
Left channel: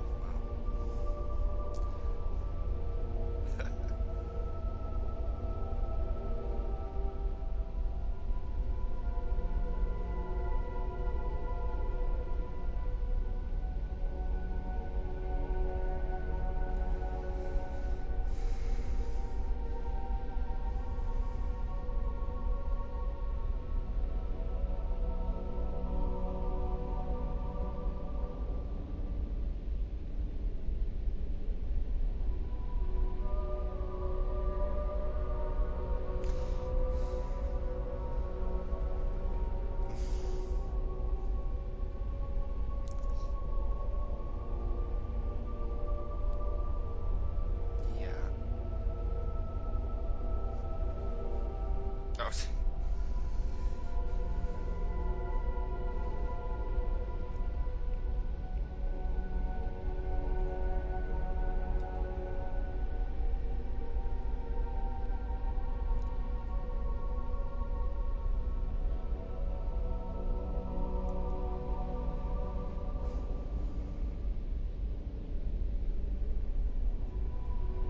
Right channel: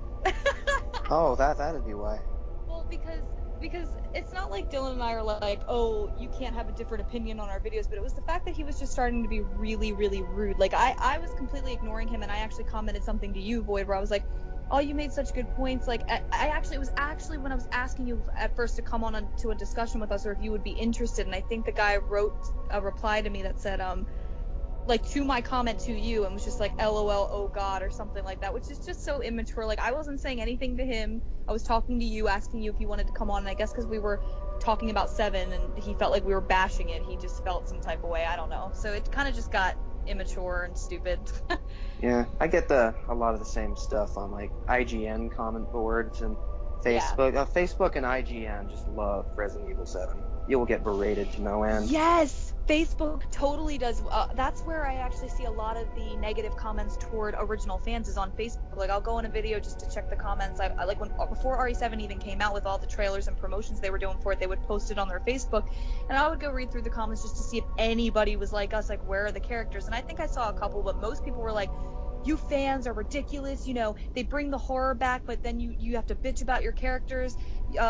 Oh, that'd be why. Well, because it's not like Dylan and I are like, oh, you can't have a different opinion on our videos, but it was the fact that he was just starting to be really, really rude. Like, I was completely ignoring him, and I actually commented something to you, Void, where I was like, oh, you made such good points. Like, it was actually when I was asking you at first to come on to a discussion with us, or if you would be interested, and I think the guy wrote a reply to me that said, like, to my comment to you, and was just like, LOL, oh god, or something like that, which is just so immature. Like, I wasn't saying anything to him. I was talking to you, asking you if you wanted to come on, and I guess because we were talking about 7 and he felt like we were bashing it. He just felt some type of way. I don't know. So it kind of just got immature and stupid. Yeah, I get a lot of the same stuff on like IGN comment boards and Facebook. Yeah. Facebook and IGN just love Resident Evil 7. You will get berated to no end. Yes, Facebook totally does. That's where I actually see a lot of the negative comments toward original fans is on Facebook. Like, I'll go in a video just to check the comments. I like before RE7 even came out with all the trailers and promotions they were doing for it, they would post it on their Facebook, and I would go read through the comments just to see if anybody was like us, like where are the characters? And I think I saw a couple, but most people were like, you fans are ridiculous, you know, they bring the horror back, but then you have to bitch about your characters.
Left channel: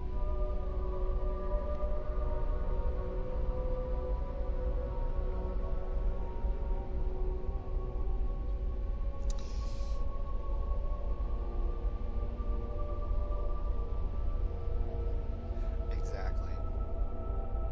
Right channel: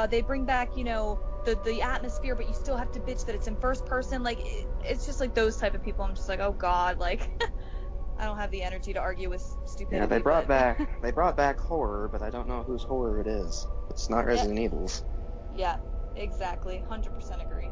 They bring back, you know, the atmosphere, but you still have to bitch that it's in first person. Like, it's just like those type of people. I'm just like, oh god, like, I don't have the energy to argue with stupidity. Yeah, they brought back horror, but I don't know whose horror it is. It's not Resident Evil's. Yeah, exactly. 100% agree.